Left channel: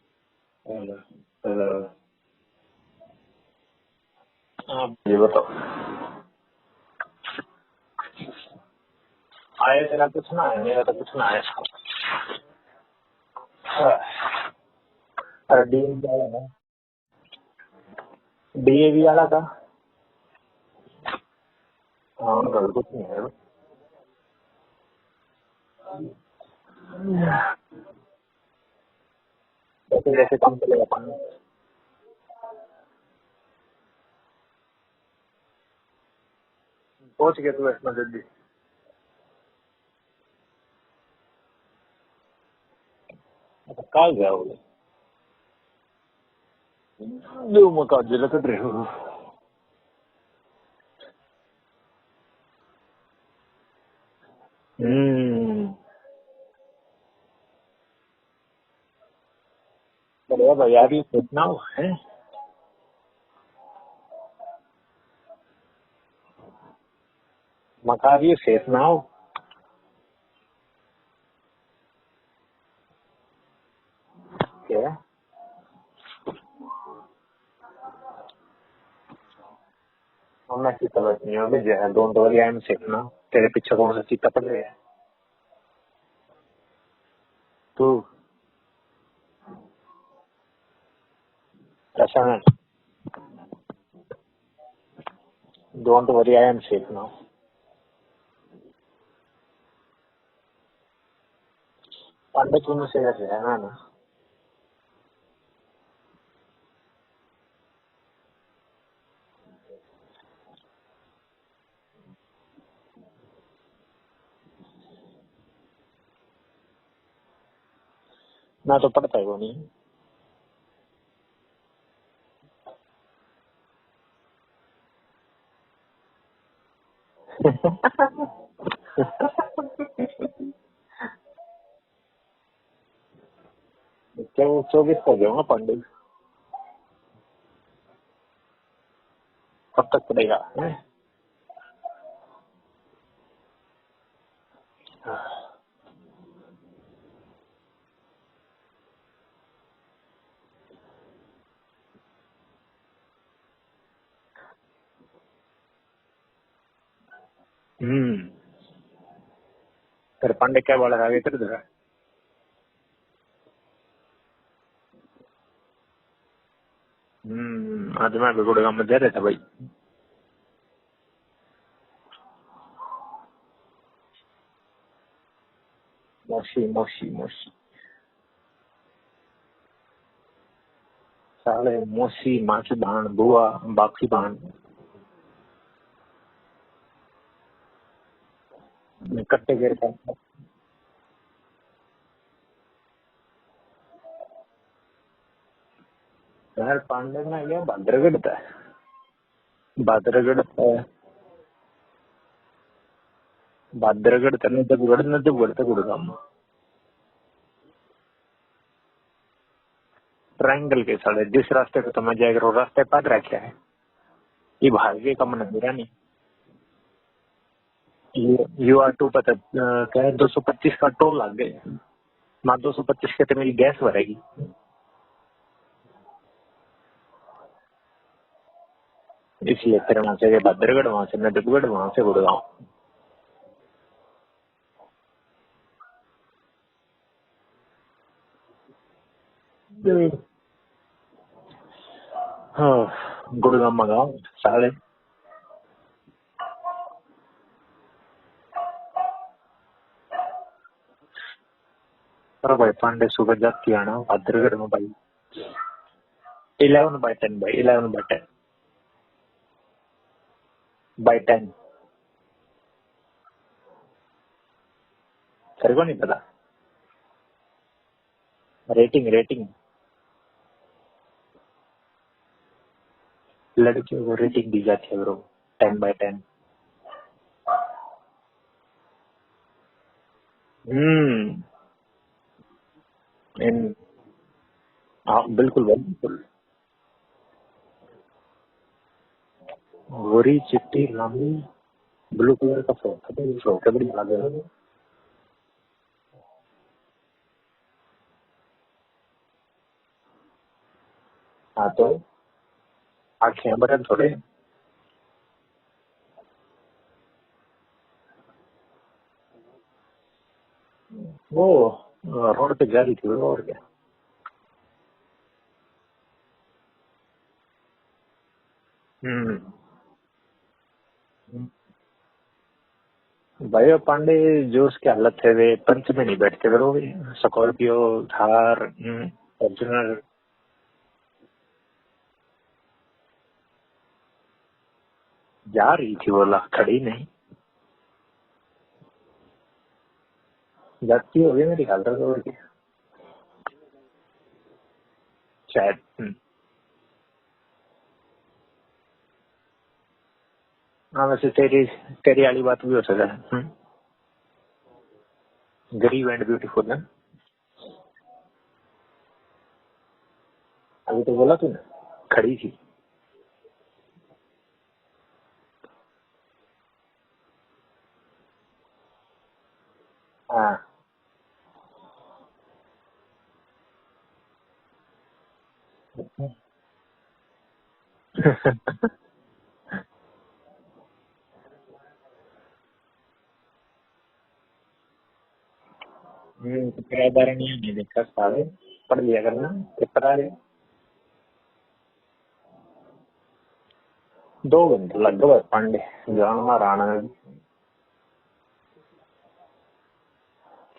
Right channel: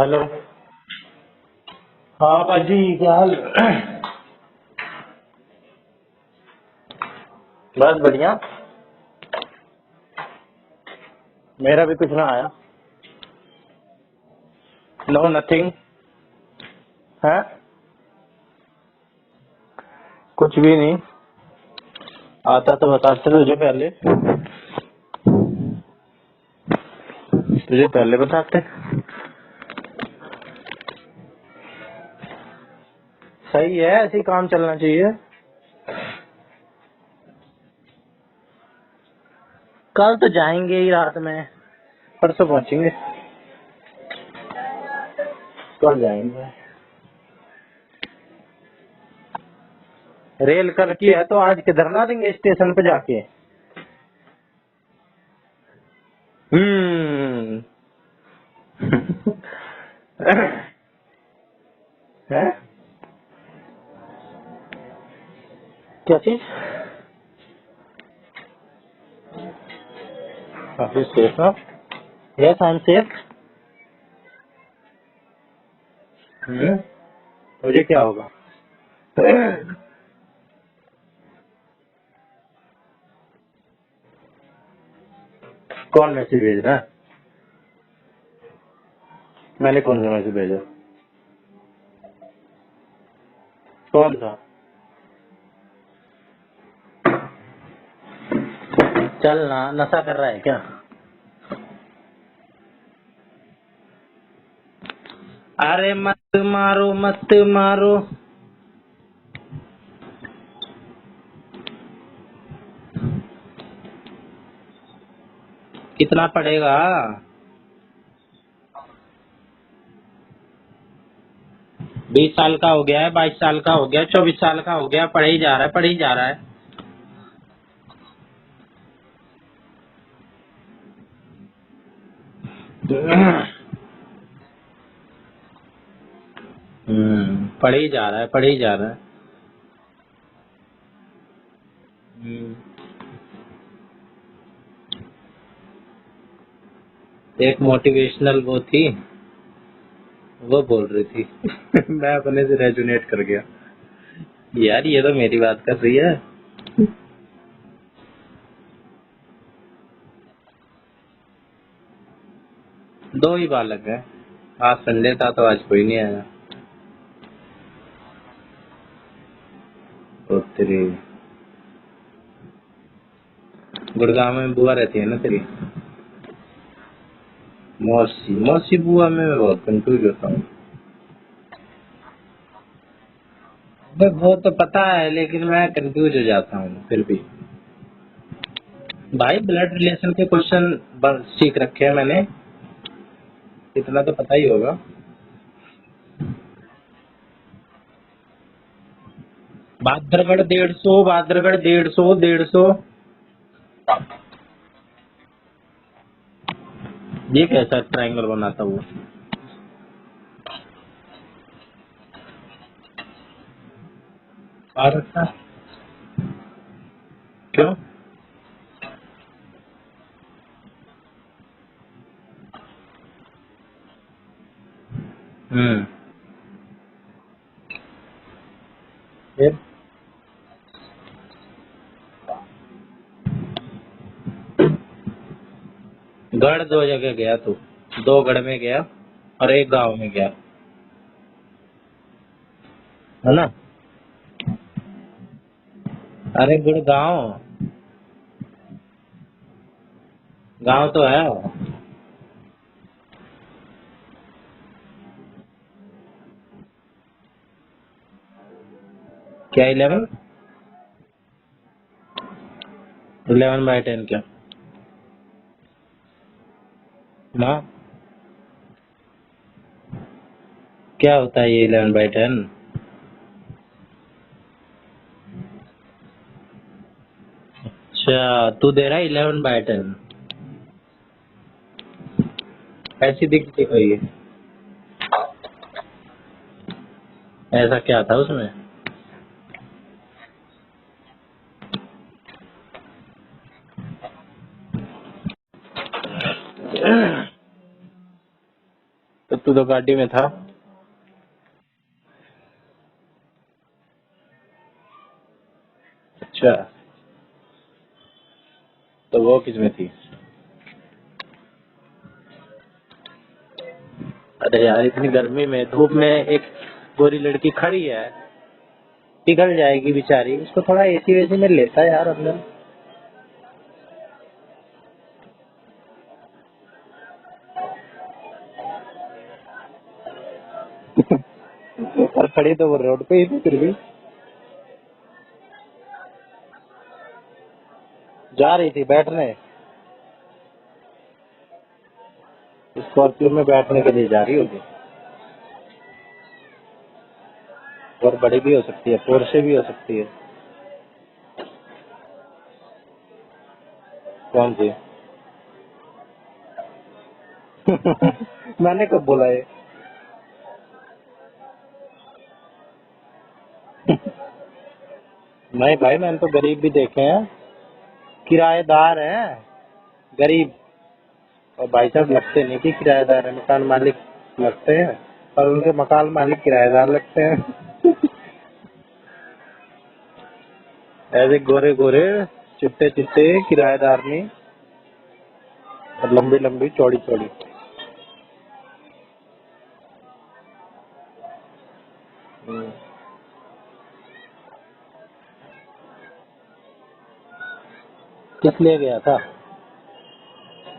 Hello. Hello. हाँ पाजी, क्या हाल? आप ये बताओ। बस बढ़िया। आया तेरा कुछ ना आया, मेरा तो कुछ ना आया। मेरा भी कुछ ना आया। No nothing. है डीएवी वाला था। कुछ भी नहीं हाँ आता तो बताते तुझे पहले। तुझे पहले बताते। जैसे जैसे कम चलेगा पानी। सही है, ऐसे ही काम चलना चाहिए। पहुंच गया तू इसमें जल्दी। कल तो जाएंगे ही रात में, परसों पहुंचेंगे। कल जाओ। कल जाएंगे। जो मका जिला तो रहे हो। रेल कल की है तो आज किधर ना देंगे स्टेशन पे जाके। हम्म। अरे भैया भी कितना है? है? क्या चीज? मका भी सेफ ना हो। काफी सेफ है। Yes I am safe. क्या? मुझे क्या होगा? हमने की समझ नहीं होगी जो don't worry I am safe ना। तेरे पीछे कौन सा चीता पड़ रहा है? कौन मैसेज भेज रहा है? तू मैंने कौन सा मैसेज भेजा? ऐसा है। कौन सा? Don't worry I am safe ना। चल ना, नशा कर रहा है क्या? पंडित तूने से है ना। अरे मत मारो मत मारो। कितना पड़ेगा? ना तो पड़ता है वो नहीं। 20 साल का हो गया है, 22 साल का हो गया, 24 साल का हो गया, पढ़े ही जा रहा है, पढ़े ही जा रहा है। तो 24 हो गया पंडित। पढ़े ही जा रहा है, पढ़े ही जा रहा है। कब तक पड़ेगा? एक मोटिवेशनल वो थी, वो बोल रही थी। मैं अपने से रेजोनेट कर गया, यार ये तो मेरी बात कर रही है। फिर पंडित क्या बोला आगे कर दे। 2 ही बालक है। आज संडे था तो आज कोई नहीं आया। आज मैं भी गुड़गांव में दे रहा था भाई। तो तेरी गुड़गांव में बुआ रहती है ना तेरी? मौसी मौसी मौसी। मौसी मौसी बुआ में मैं बहुत कंफ्यूज होता हूँ। साले मौसी माँ की बहन बुआ बाप की वो बहन। तो पता है, लेकिन मैं कंफ्यूज हो जाता हूँ फिर भी। भाई ब्लड छत्तीसगढ़ का रिलेशन के क्वेश्चन सीख रखे हैं मैंने, इतना तो पता ही होगा। यार पांडे में गया भद्रगढ़ था। बादरगढ़ 150, बादरगढ़ 150। भद्रगढ़ था नजफगढ़ था गुड़गांव में। ये कैसा ट्रायंगल बनाता हुआ? ट्रायंगल के साले जिस रास्ते पे तुम्हें जाएगा वो रास्ते पर रखा है। ये भारत के अच्छा, कम नजर नहीं। क्यों? UR2 पता क्या है 225 का टोल लग गए। ना 225 के तो मेरी गैस भरेगी। फिर इसलिए फिर वहां से भद्रगढ़ वहां से नजफगढ़ वहां से गुड़गांव। गढ़ 2 जगह गया तू? 2 गढ़ में गया और 1 गांव में गया, है ना? गुड़गांव मंगाओ साले। अरे गुड़गांव गांव तो है। पर भाई पांडे सुबह जाती आना भद्रगढ़ में भाई। 11/10 भाई 11/10 क्या 11? बाई 10। 11/10 क्या? तेरे को नहीं पता? ना, रेटिंग रेटिंग क्या होता है ये 11/10? लड़कियों को रेटिंग दी जाती है ब्रो। 10/10। अच्छा, तू दे रहा है 11/10? ऐसी दिखती नहीं, हुई है? हाँ बिल्कुल भाई बिल्कुल। ऐसा क्या था उसमें? गोरी चिट्टी लंबी ब्लू कलर का फोन था तो छोटे बड़ी लगे। तो तू तो गाड़ी में था। हाँ तो आंखें बटन थोड़े। अच्छा, तो वो किस में थी? वो रोड पे जा रही थी वो, और क्या। अरे यार, इतनी गर्मी में धूप में एक गोरी लड़की खड़ी है, पिघल जाएगी बेचारी, उसको थोड़ा एसी वेसी में लेता यार अंदर। भाई पांडे जो उसकी हालत है, वे पंच में नहीं बैठते फिर वो भी। Scorpio, Thar, Fortuner. और खड़ी तो वो रोड पे ही थी, फिर भी जा रही थी बोला, खड़ी नहीं। जा रही थी बैठने। जाती होगी मेरी ख्याल से, और क्या स्कॉर्पियो में बैठने के लिए जा रही होगी। शायद। और बड़ी भी हो सकती है, पोर्शे भी हो सकती है। हाँ वैसे तेरी तेरी वाली बात भी हो सकता है। कौन सी? गरीब एंड ब्यूटीफुल है। मैंने कब बोला ये? अभी तो बोला तूने, खड़ी थी। नहीं भाई, मैंने तो गरीब भी देखे हैं, किराएदार हैं गरीब। हाँ। और भाई साहब लगते नहीं कि किराएदार है, मकान मालिक लगते हैं, और उनके मकान मालिक किराएदार लगते हैं। ऐसे गोरे गोरे चिट्टे चिट्टे किराएदार नहीं, और लंबी लंबी चौड़ी चौड़ी। नहीं देखता साले, पढ़ लिया करना पेपर आ गए। 2 घंटे लग गए पांडे जाना राणा। किस लिए गया था?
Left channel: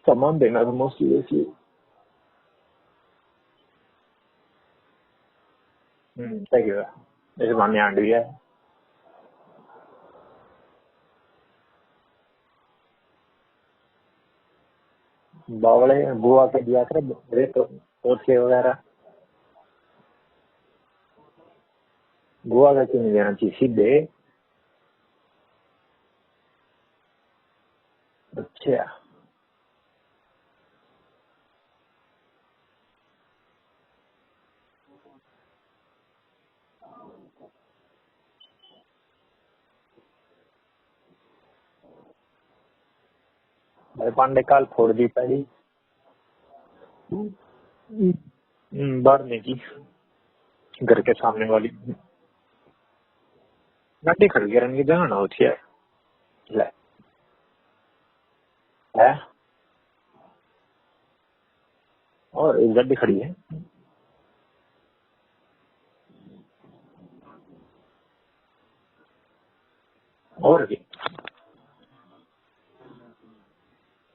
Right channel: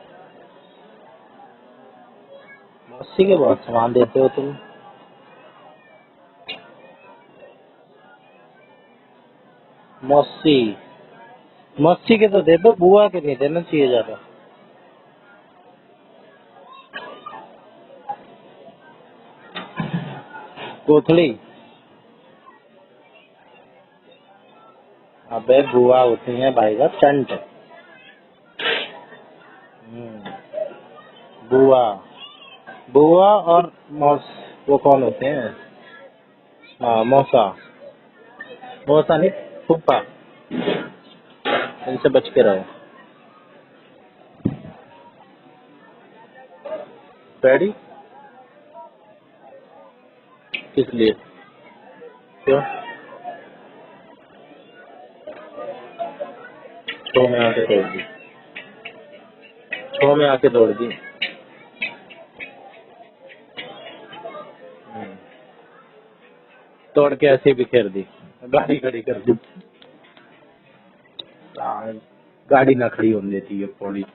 सामान देना था मोस्टली इसलिए। मौसी के बहुत सामान देते हो तुम। सही है, जैसे मान्य आंट भी है। मौसी मौसी के तो दे दो, बुआ के नहीं देना चाहिए ज्यादा। बावड़े बुआ के दिया कर वे तो पोते वगैरह। कोथली? बुआ का क्यों नहीं देना चाहिए सीधे। अबे बुआ होती है भाई साहब चंट। अच्छा। बुआ बुआ और मौस, वो कौन होते हैं? हाँ, मौसा। मौसा नहीं, फूफा। इनसे बच के रहो। भाई पांडे काल फोड़ दी पैड़ी। पैड़ी? बढ़ने की किस घर के लिए? सामने वाली। क्यों? गाड़ी खड़ गया रंग जाना होती है। ले छो में आके तोड़ दी। है छो में आके तोड़ दी। और एक गाड़ी खड़ी है। तोड़ के ऐसे ही बिखेर दी, गाड़ी खड़ी कर दी। और क्या। गाड़ी ना खड़ी होने देती है पौड़ी।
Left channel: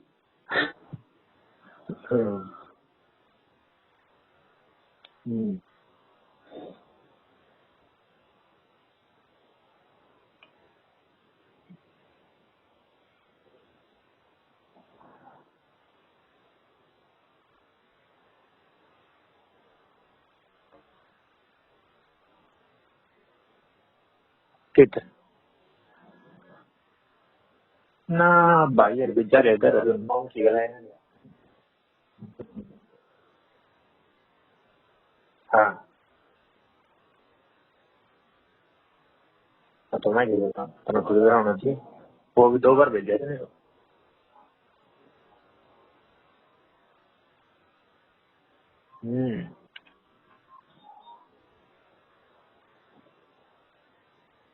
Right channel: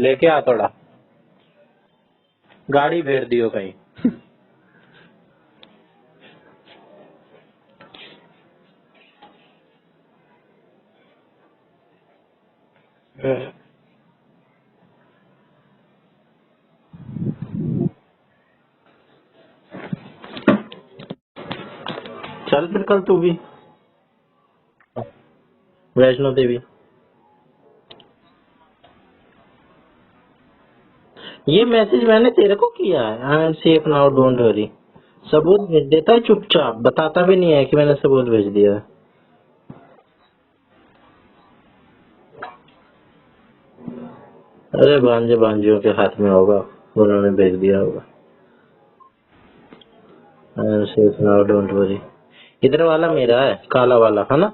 लेके आ थोड़ा, गाड़ी भेड़ दियो कहीं। चल फिर कल तू भी ठीक है वैष्णो देवी। ना भाई यार बेचारे इधर माउंट की गए। ये मैसेज मैंने तेरे को किया है, I am safe now don't worry. सबूत हाँ भेज देता है चुपचाप, बताता भी नहीं है कि मैंने सबूत भेज दिया है। तो मैं बोलता हूँ खुद होना चाहिए। वो भी 2 बार भेजा है। अरे भांजे भांजियों के हाथ में होगा, उन्होंने भेज दिया होगा। I am safe now don't worry. इधर वाला मेरा है, काला वाला है ना।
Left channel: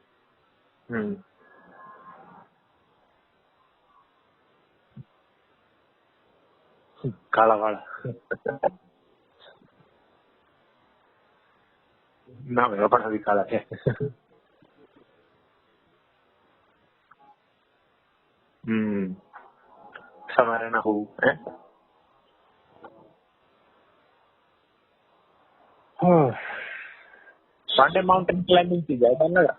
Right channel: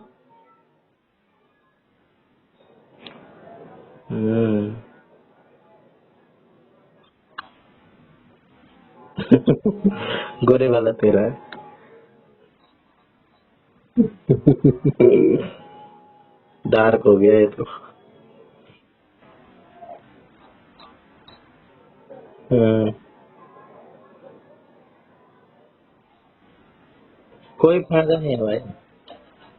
काला वाला गोरे वाला तेरा है। ना मेरा अपना भी काला है। डार्क हो गया ये तो। समारे ना हो। कोई माउंटेन क्लाइंबिंग की जाए चल लगा।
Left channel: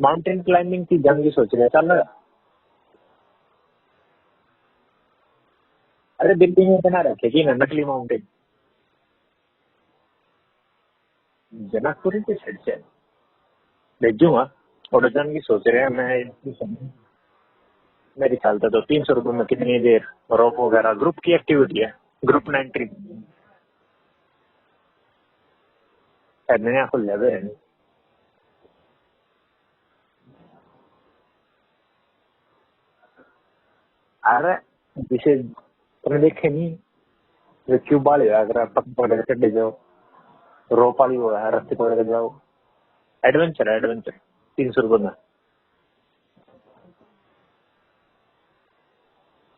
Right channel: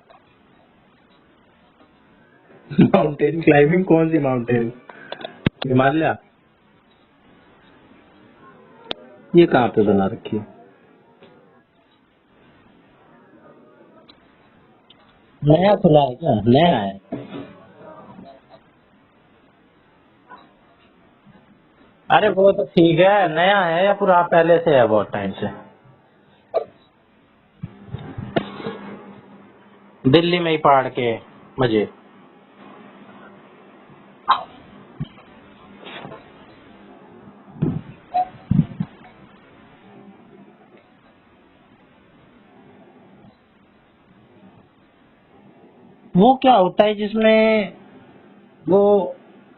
माउंटेन क्लाइंबिंग की जंग सोच रहे चल लगा। Mountain climbing? कौन सी माउंटेन? हिमालय? अरे दिल्ली में बना रखे कि ना नकली माउंटेन। ये कहाँ पे बना रखी है? जनकपुरी के साइड से भेजूंगा। और जंग की सोच रहे हैं। नया है मेरे ख्याल से तो 300 रुपए में कितनी देर रॉक वगैरह ग्रुप की एक्टिविटी है। अरे वो तो ठीक है, नया है या पूरा पहले से है बहुत टाइम से? नया खुल जाए दिल्ली में ही पहाड़ के मजे। अरे जिसे तुमने देखे नहीं जो क्यों बाल अगर पकड़ के चढ़ जाओ रोप वाली वो है रस्ते पकड़ के जाओ एडवेंचर 300 रुपए में। वो क्या होता है जिसमें वो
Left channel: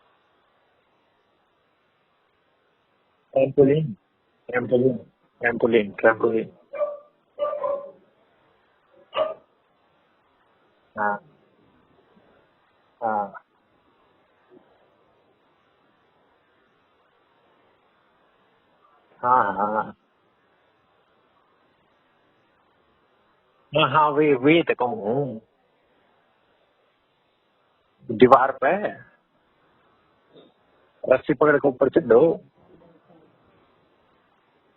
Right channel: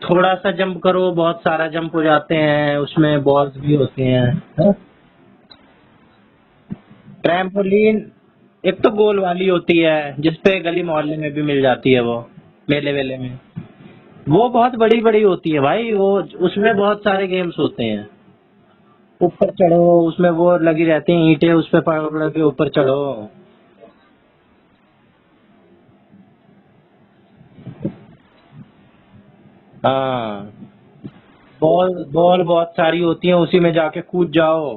थोड़ा सा जंप करो बहुत सारा जंप हो जाते हैं, उसमें बॉल्स भी होती हैं। ट्रैम्पोलिन ट्रैम्पोलिन एक तो गोल वाली होती है जिसपे गली मोहल्ले में भी मिल जाती है, वो मेले वेले में। वो बहुत बड़ी बड़ी होती है भाई, वो उसमें बहुत सारे गेम्स होते हैं। ऊपर चढ़ो, उसमें वो लगी रहती हैं ईंटें, उस पे पकड़ के ऊपर चढ़ो। हाँ वे तो कहूँ दीवार पे हाँ, रस्सी पकड़ के बॉल ऊपर चढ़ो। बॉल बहुत सारी होती हैं, उसी में जाके कूद जाओ।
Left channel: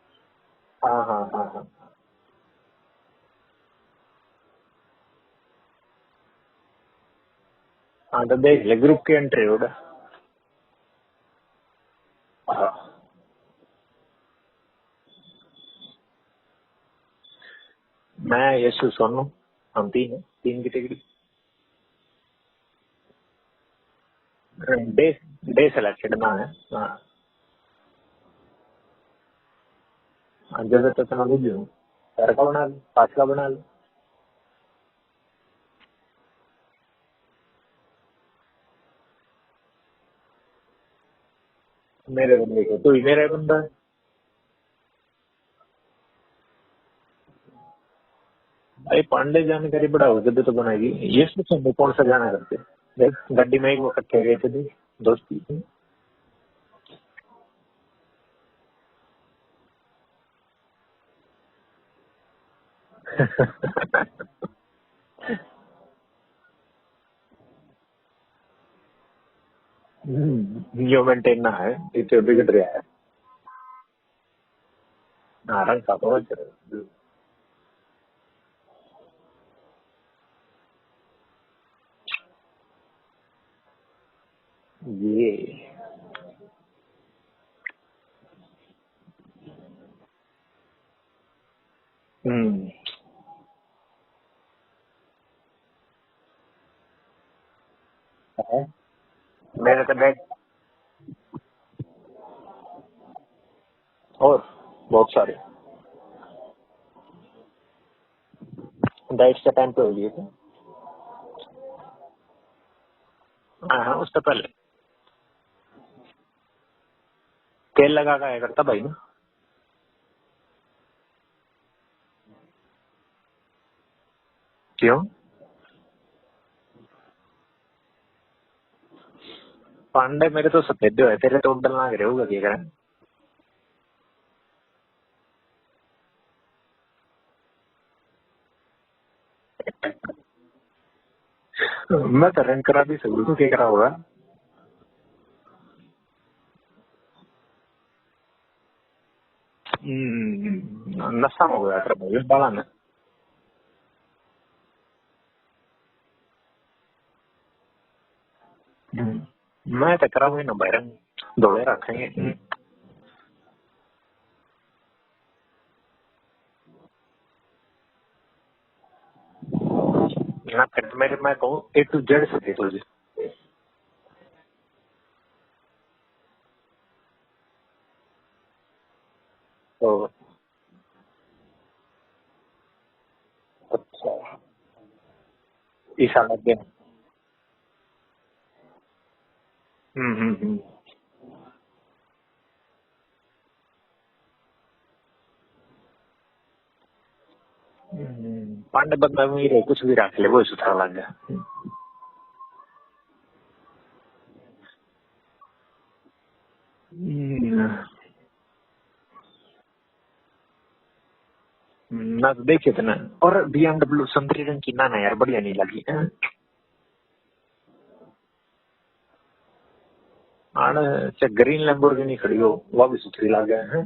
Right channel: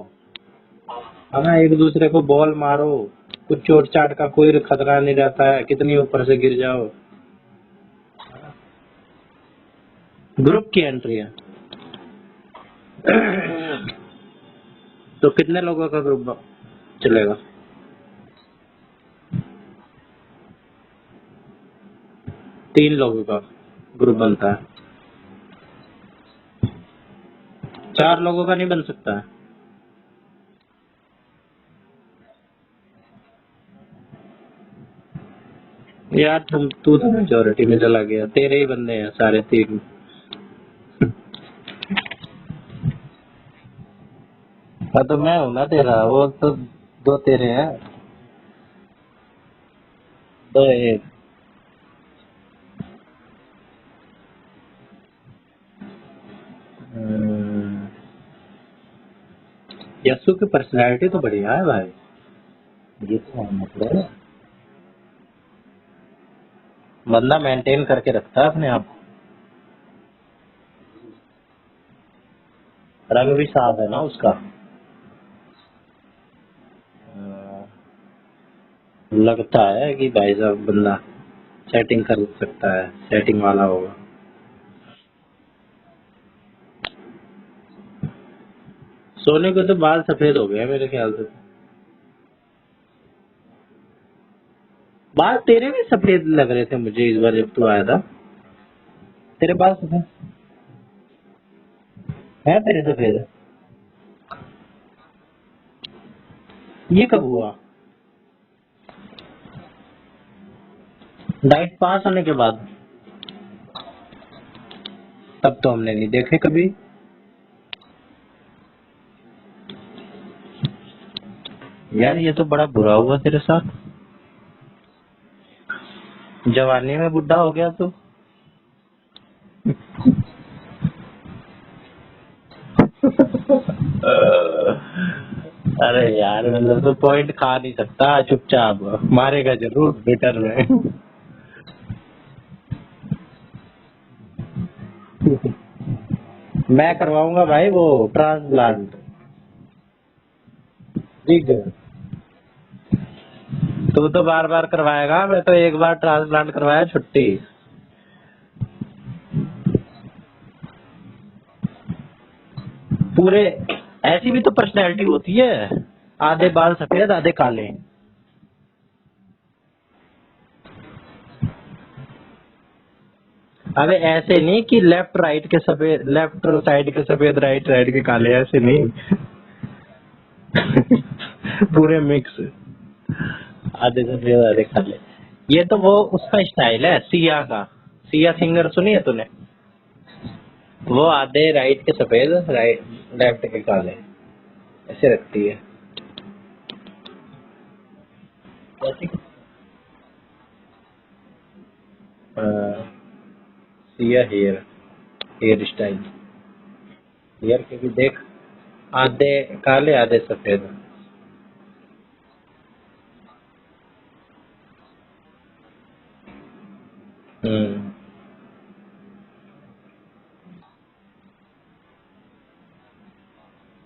हाँ, एक दूसरे को बॉल मारो, कुछ चोट चाट का कोई खतरा नहीं रहता है, कितनी ऊपर से गिर जाओ। हाँ तो देख ले ग्रुप की एंट्री होगा। ग्रुप की एंट्री है। तो कितने लोगों का ग्रुप चलेगा? मैं यशु सोनू हम तीन की टिकट 3 लोगों का ग्रुप बनता है। डे सिलेक्टेड ना है। 4 लोगों का नहीं बन सकता है? जैसे तो तना बुझू 4 का बना लो 5 का बना लो। यार तू तो मेजोरिटी में चला गया, तेरे ही बंदे हैं सारे 3। मेरे बंदे को तू ही मेरा बंदा है। हाँ तो मैं हूँ ना तेरा, वो तो 2 तेरे हैं। अरे पांडे जानकारी बढ़ाओ जब तो बनाइए। ये सोचो कौन सा गाना करते देख गड्डी में एक वो इकट्ठे गए थे दोस्ती। यस्सु की पर्सनैलिटी तो बढ़िया है भाई। बंदा मेंटेन करके रखता है अपने आप। यो मेंटेन ना है इसे बिगड़ रहा है। रंग भी साफ है ना उसका। रंग का बहुत लगता है कि भाई साहब बंदा सेटिंग कर सकता है, सेटिंग वाला होगा ये। सोने को तो बाल सफेद हो गए मेरे ख्याल से। बाल तेरे भी सफेद लग रहे थे मुझे इस बार जब तू आया था। तेरे बाल है तेरे सफेद और बहुत सारे। ये कब हुआ? डाइट का टाइम पे हो गया था। डाइट पास होने के बाद? हाँ उससे पहले। तब तो हमने नहीं देखे कभी। तेल लगा का करता भाई ना। यार ये तो बड़ा बुरा हुआ तेरे साथ। क्यों? जवानी में बुढ़ा हो गया तू। पांडे मेरे तो सफेद है तेरे तो डलना गिरे होगा क्या करें। अरे यार मतलब तो पॉइंट खा नहीं सकता, चुपचाप मारेगा जरूर ट्विटर में। मैं तो रन करा भी सकूँ तो क्या करा होगा। मैं करवाऊंगा भाई वो ट्रांसप्लांट। नशा हो गया कर भाई बाला ने। तू तो बार बार करवाएगा, मैं तो एक बार ट्रांसप्लांट करवाया छुट्टी। मैं तो कराऊंगा ना भाई, दौड़े रखेंगे पूरे। ऐसी भी तो पर्सनैलिटी होती है, आधे बाल सफेद आधे काले। मेरे मैं कहूँ A to Z सफेद हो जाए। अबे ऐसे नहीं कि लेफ्ट राइट के सफेद, लेफ्ट साइड के सफेद राइट साइड के काले, ऐसे नहीं। तो पूरे मिक्स, आधे सफेद आधे काले। ये तो वो उसका स्टाइल है सिया का। सिया सिंगर सुनी है तूने? वो आधे राइट के सफेद राइट लेफ्ट के काले ऐसे रखती है। पांडे बंदा में कुछ भी रख ले वो सुथरा लग गया। सिया हेयर स्टाइल देख, आधे काले आधे सफेद। ना तो देखे थे ना। और BMW संतरी रंग की ना यार बढ़िया नहीं लगी। ग्रीन लैम्बोर्गिनी खड़ी हो वो भी सुथरी लग गया है।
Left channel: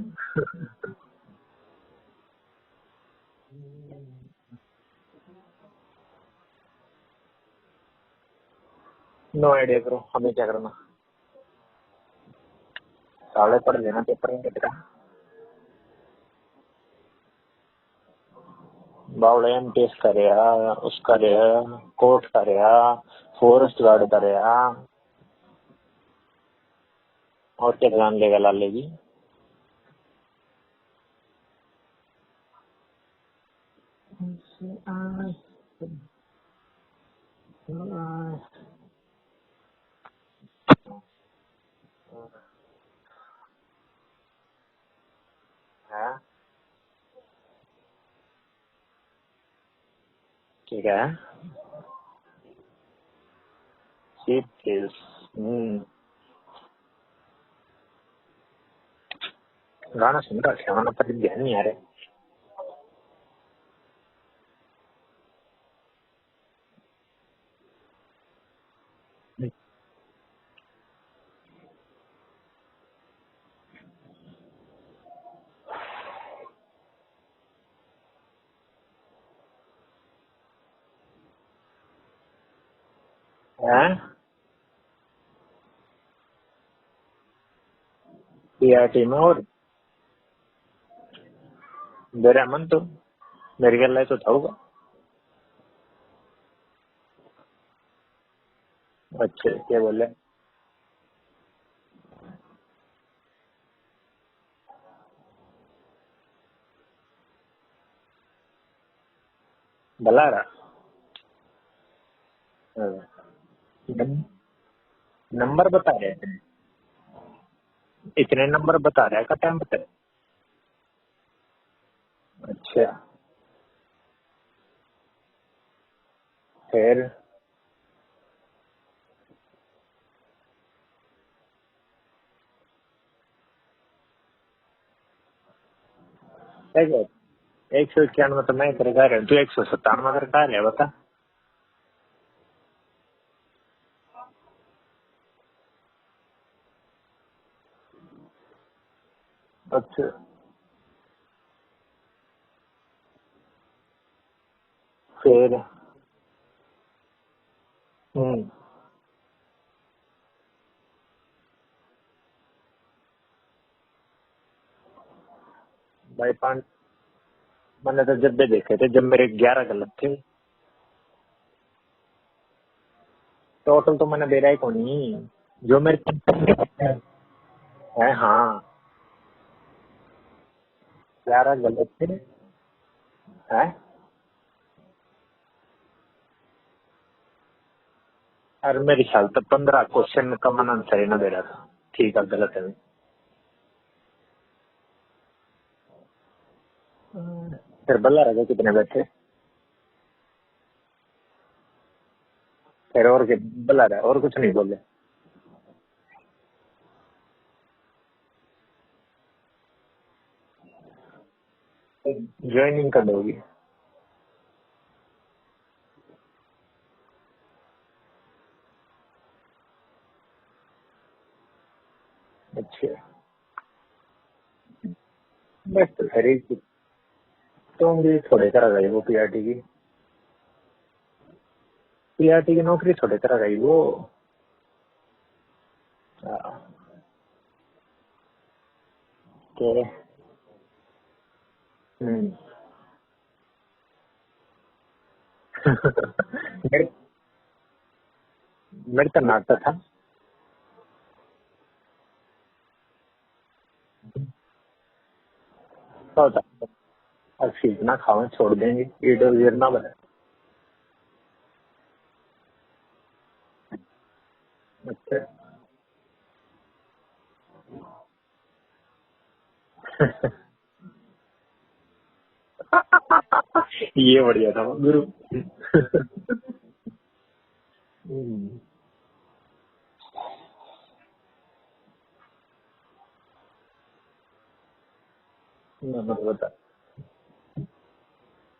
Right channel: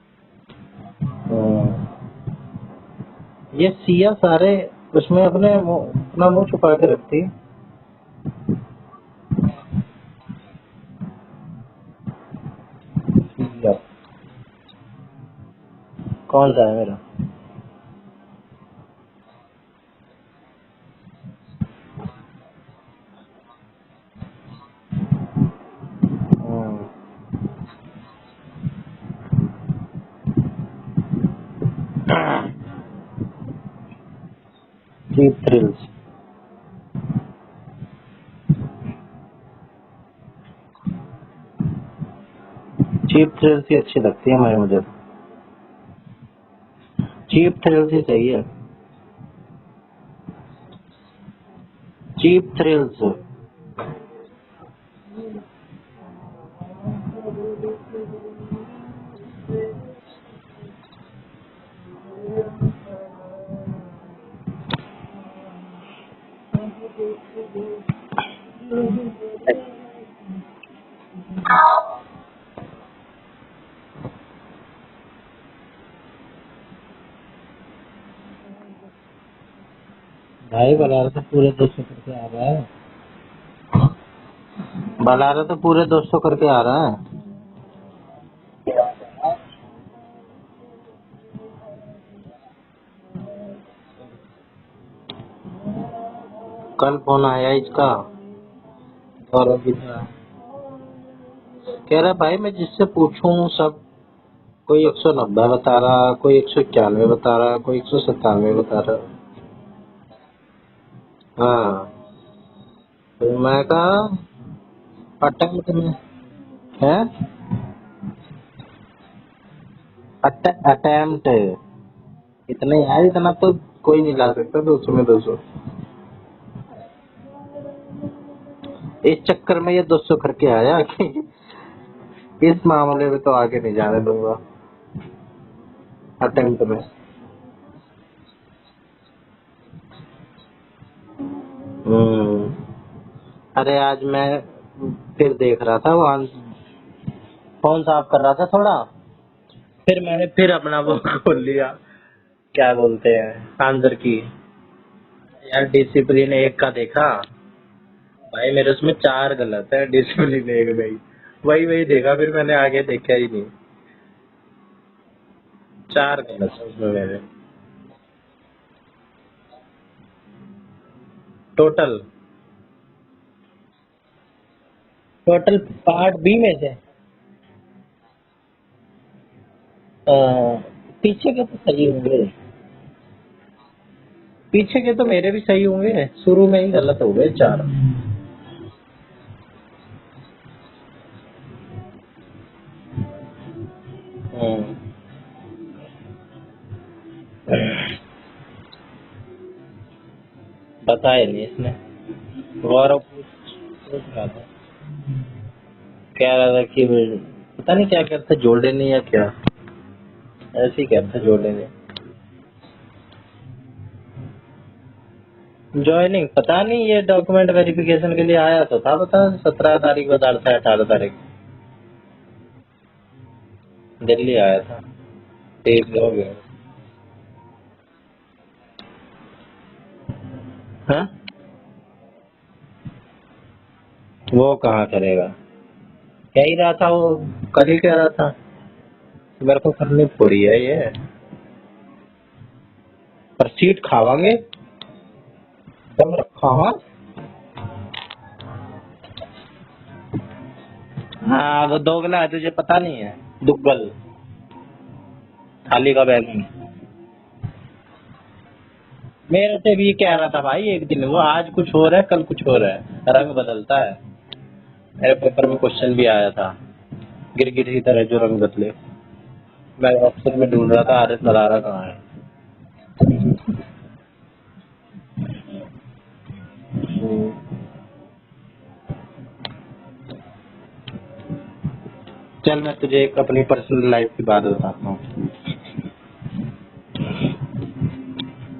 ये सिया सारे उसमें अपना मुंह छुपा के रखती। नो आइडिया करो हमें क्या करना। साले पढ़ लेना पेपर में तेरा। कौन सा है मेरा? बावड़ा MTS करेगा उसका रहेगा कोर्ट करेगा फॉरेस्ट गार्ड करेगा और क्या ध्यान लेगा Lale ji. Cheap thrills. Cheap thrills ही अच्छी लगती है मुझे। हाँ, चीप थ्रिल्स ही सही है। ठीक है। Cheap thrills. Cheap thrills. गाना सुन रहा था, गाना पर ध्यान नहीं आ रहा। भाई बलारा तो पूरे 200 करके आ रहा है। हाँ, बलारा तो पूरे 200 करके आ रहा है। पीआरटी में। और मेरा मन तो मेरे ख्याल तो था होगा। कल फोन आया इसका अच्छा, और क्या बोले? कह रहा भाई मैं जिससे पूछूं सब कोई 190 बता रहा, कोई 191 बता रहा, कोई 197 बता रहा। भला रहा। हाँ, हाँ, तो मैं कहा अटक नंबर बता रहे हैं, है इतने नंबर बता रहा है का टाइम बता। अटेम्प्ट इतने अच्छा, यार, इतना तो कोई नहीं ला सकता 200 में 200। फिर इस चक्कर में ये 200 करके आया कि इस मामले में तो आगे नहीं जाने दूंगा अटेम्प्ट में। 191 तो मैं कर रहा हूँ, तू 197 कर रहा है, बता। हम्म। अरे आज मैं फिर देख रहा था वहां, फोन साफ कर रहा था थोड़ा, फिर मैंने फिर अपना वो खोल लिया, क्या बोलते हैं आंसर की। फिर यार डिसिप्लिन एक का देखा भाई, मेरे उसमें 4 गलत है, डिसिप्लिन एक में वही वही देखा, फिर मैंने आगे देखा ही नहीं। 4 भाई गलत है उसमें मेरे मैंने तो जब भी देखे थे, जब मेरे 11 गलत थे। टोटल। टोटल तो मैंने दे रहा ही कौन नहीं। टोटल जो मेरे पार्ट बी में थे। है, हाँ, पीछे के 11 तो सही गलत थे। होंगे, है, पीछे के तो मेरे भी सही होंगे, शुरू में ही गलत हो गए 4। और मेरे ख्याल तो 15 क्वेश्चन का मन आंसर ही ना दे रहा था, ठीक है गलत है। फिर बल्ला रहा कितने बैठे? बताया नहीं इसने। गौरव फिर और क्या बल्ला रहा, और कुछ नहीं बोले। कह रहा था कि पता नहीं क्या कहता, जोड़े नहीं या क्या, ऐसे ही कहता जोड़े नहीं। ज्वाइनिंग कब होगी? ज्वाइनिंग पता नहीं, ये डॉक्यूमेंट वेरिफिकेशन के लिए आया तो था, पता 17 तारीख बता रहा था, 18 तारीख अच्छा, दिल्ली आया था। ठीक हो गया। तुम भी थोड़े करा गई वो पीआरटी की। हाँ? पीआरटी की नौकरी थोड़े करा गई वो कहाँ करेगा, कह ही रहा था वो, कल ही कह रहा था मेरे को करनी पूरी है ये, पर सीट खावांगे। हाँ मेरे तो नाटक था। हाँ, वो दोगला है, तुझे पता नहीं है, दुग्गल, थाली का बैग। और सीट ना खाओ, छोड़ देंगे। मेरे से भी कह रहा था भाई एक दिन, वो आज कुछ हो रहा है कल कुछ हो रहा है, रंग बदलता है। मेरे पेपर में क्वेश्चन भी आया था, गिरगिट की तरह जो रंग बदले। मैं एक्सेल में ढूंढ रहा था आरएस मदारा कहाँ है। ये बढ़िया था गुरु। चल मैं तुझे एक अपनी पर्सनल लाइफ की बात बताता हूँ। बता।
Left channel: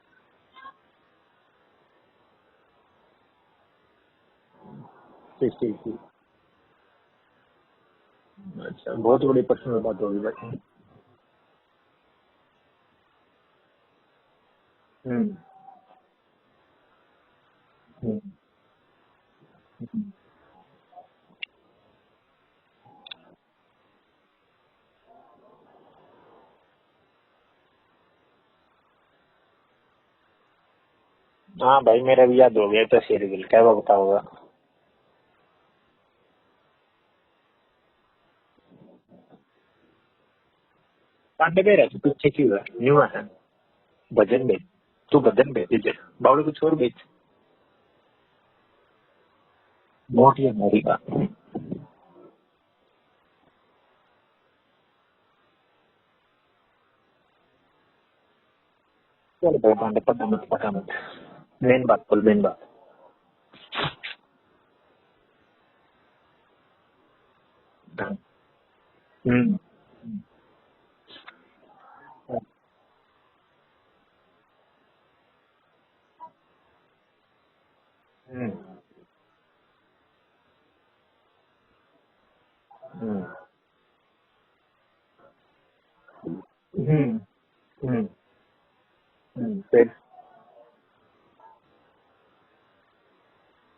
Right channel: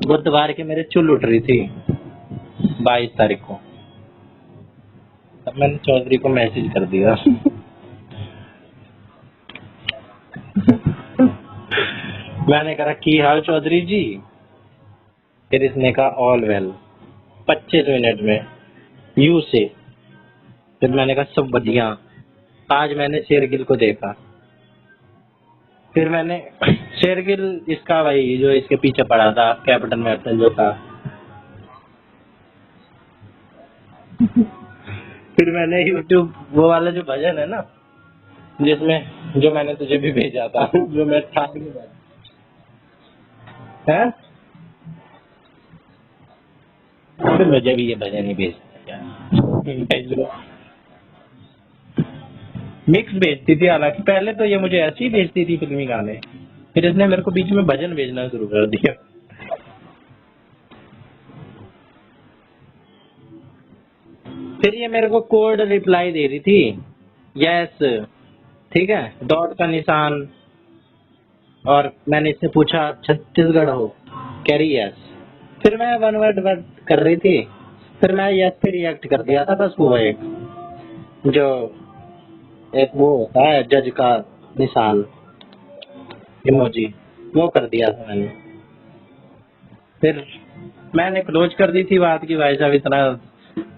बुधवार के मेरे चुल उठ रही थी 22 तारीख को, मैंने चौधरी को मैसेज कर दिया। अच्छा, बहुत बड़ी पर्सनल बात होगी भाई। मैंने कहा की हाल चौधरी जी, फिर इसने कहा ऑल वेल 25 मिनट में यू से। फिर मैंने कहा सब बढ़िया। आज मैंने शेरगिल को देखा, फिर मैंने शेरगिल इसका भाई जो इसके पीछे पड़ा था, कैप्टन मैप्टन जो था। हाँ भाई, मेरा भी याद हो गया तो शेरगिल क्या बताऊंगा। फिर मैंने यूट्यूब वो वाला जो भजन है ना, जिसमें जो मैंने तुझे भी भेजा था, जो मैं था पांडे कह रहा तू पीछे क्यों है? न्यू है भजन भेज, तू भजन भेज दीजिए, बावड़े कुछ और भेज। फिर मुझे भी ये भजन ही भेजना यार। मोटी है मेरी बात। मिक्स भेजती थी, हालांकि पहले तो ये मुझे ऐसे ही भेजती थी फिल्मी गाने, फिर इसने मेरे को बीच में भजन भेजना शुरू कर दिया। क्या पांडे, पता मत मेन बात बोल, मेन बात। फिर ये मेरे को कोड रिप्लाई दे रही थी, यस, ठीक है, डॉट का निशान, और मैंने इससे पूछा छत्तीसगढ़ हो, कह रही यस। फिर मैं वन वर्ड वर्ड कर रही थी, फिर मैं यस पे रिएक्ट कर दिया था, बस वो एक जो एक वो होता है जज का निशान इमोजी, वो कर दिया था मैंने। फिर मैंने क्लोज कर दी थी बात की, भाई साहब इतना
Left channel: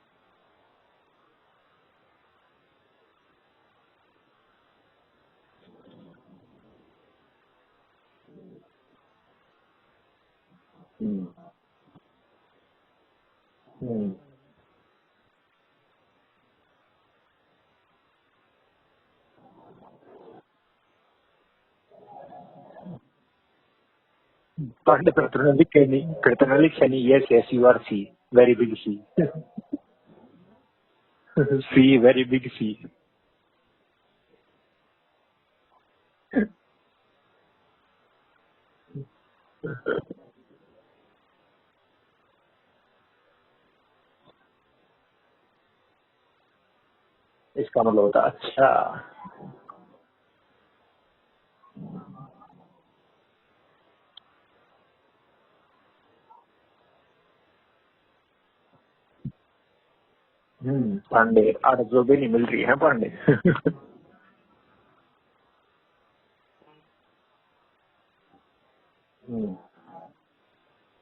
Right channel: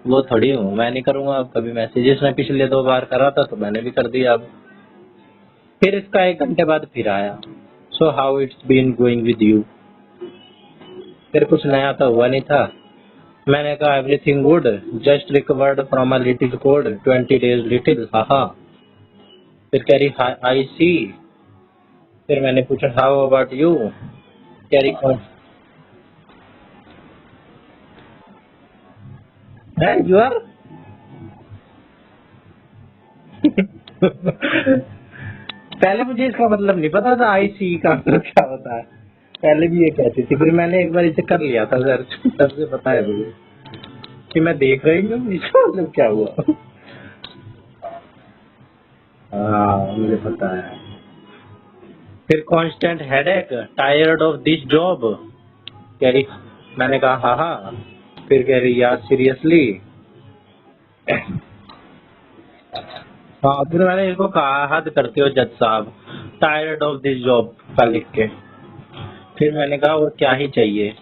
वो थोड़ी हूँ, मैं नहीं करूंगा अब कभी मैसेजेस, में पिछले 2 बार करा था तो मैंने भी कर दिया अब। फिर इसका 1 घंटे बाद फिर आया, so how it's been going with you. फिर कुछ नया तो हुआ नहीं था, मैंने कहा everything good, just recovered from a little cold, 20 days little, हाहा। फिर कह रही आई सी। फिर मैंने पूछा हाउ अबाउट यू, कह रही yes yes you are sea, very big sea, you are sea very big sea. पहले मुझे इसका मतलब नहीं पता था आई सी का मतलब क्या होता है, पहले भी ये कहती थी, फिर मैंने एक बार इसे कर लिया था सर्च, तब से पता है मुझे कि मैं देख रही हूँ इसका मतलब क्या हुआ। इसका मतलब होता अच्छा, हाँ मुझे पता है। फिर constant headache, tired of this job, कह रही, मैंने कहा हाँ हाँ। फिर कह रही यार सीरियसली, पांडे आज जो भी नहीं मिल रही है पांडे। हाँ। फिर मैंने इसको कहा हद करते हो जज साहब, टायर्ड ऑफ दिस जॉब का लिख के। फिर मैंने कहा और क्या ही चाहिए,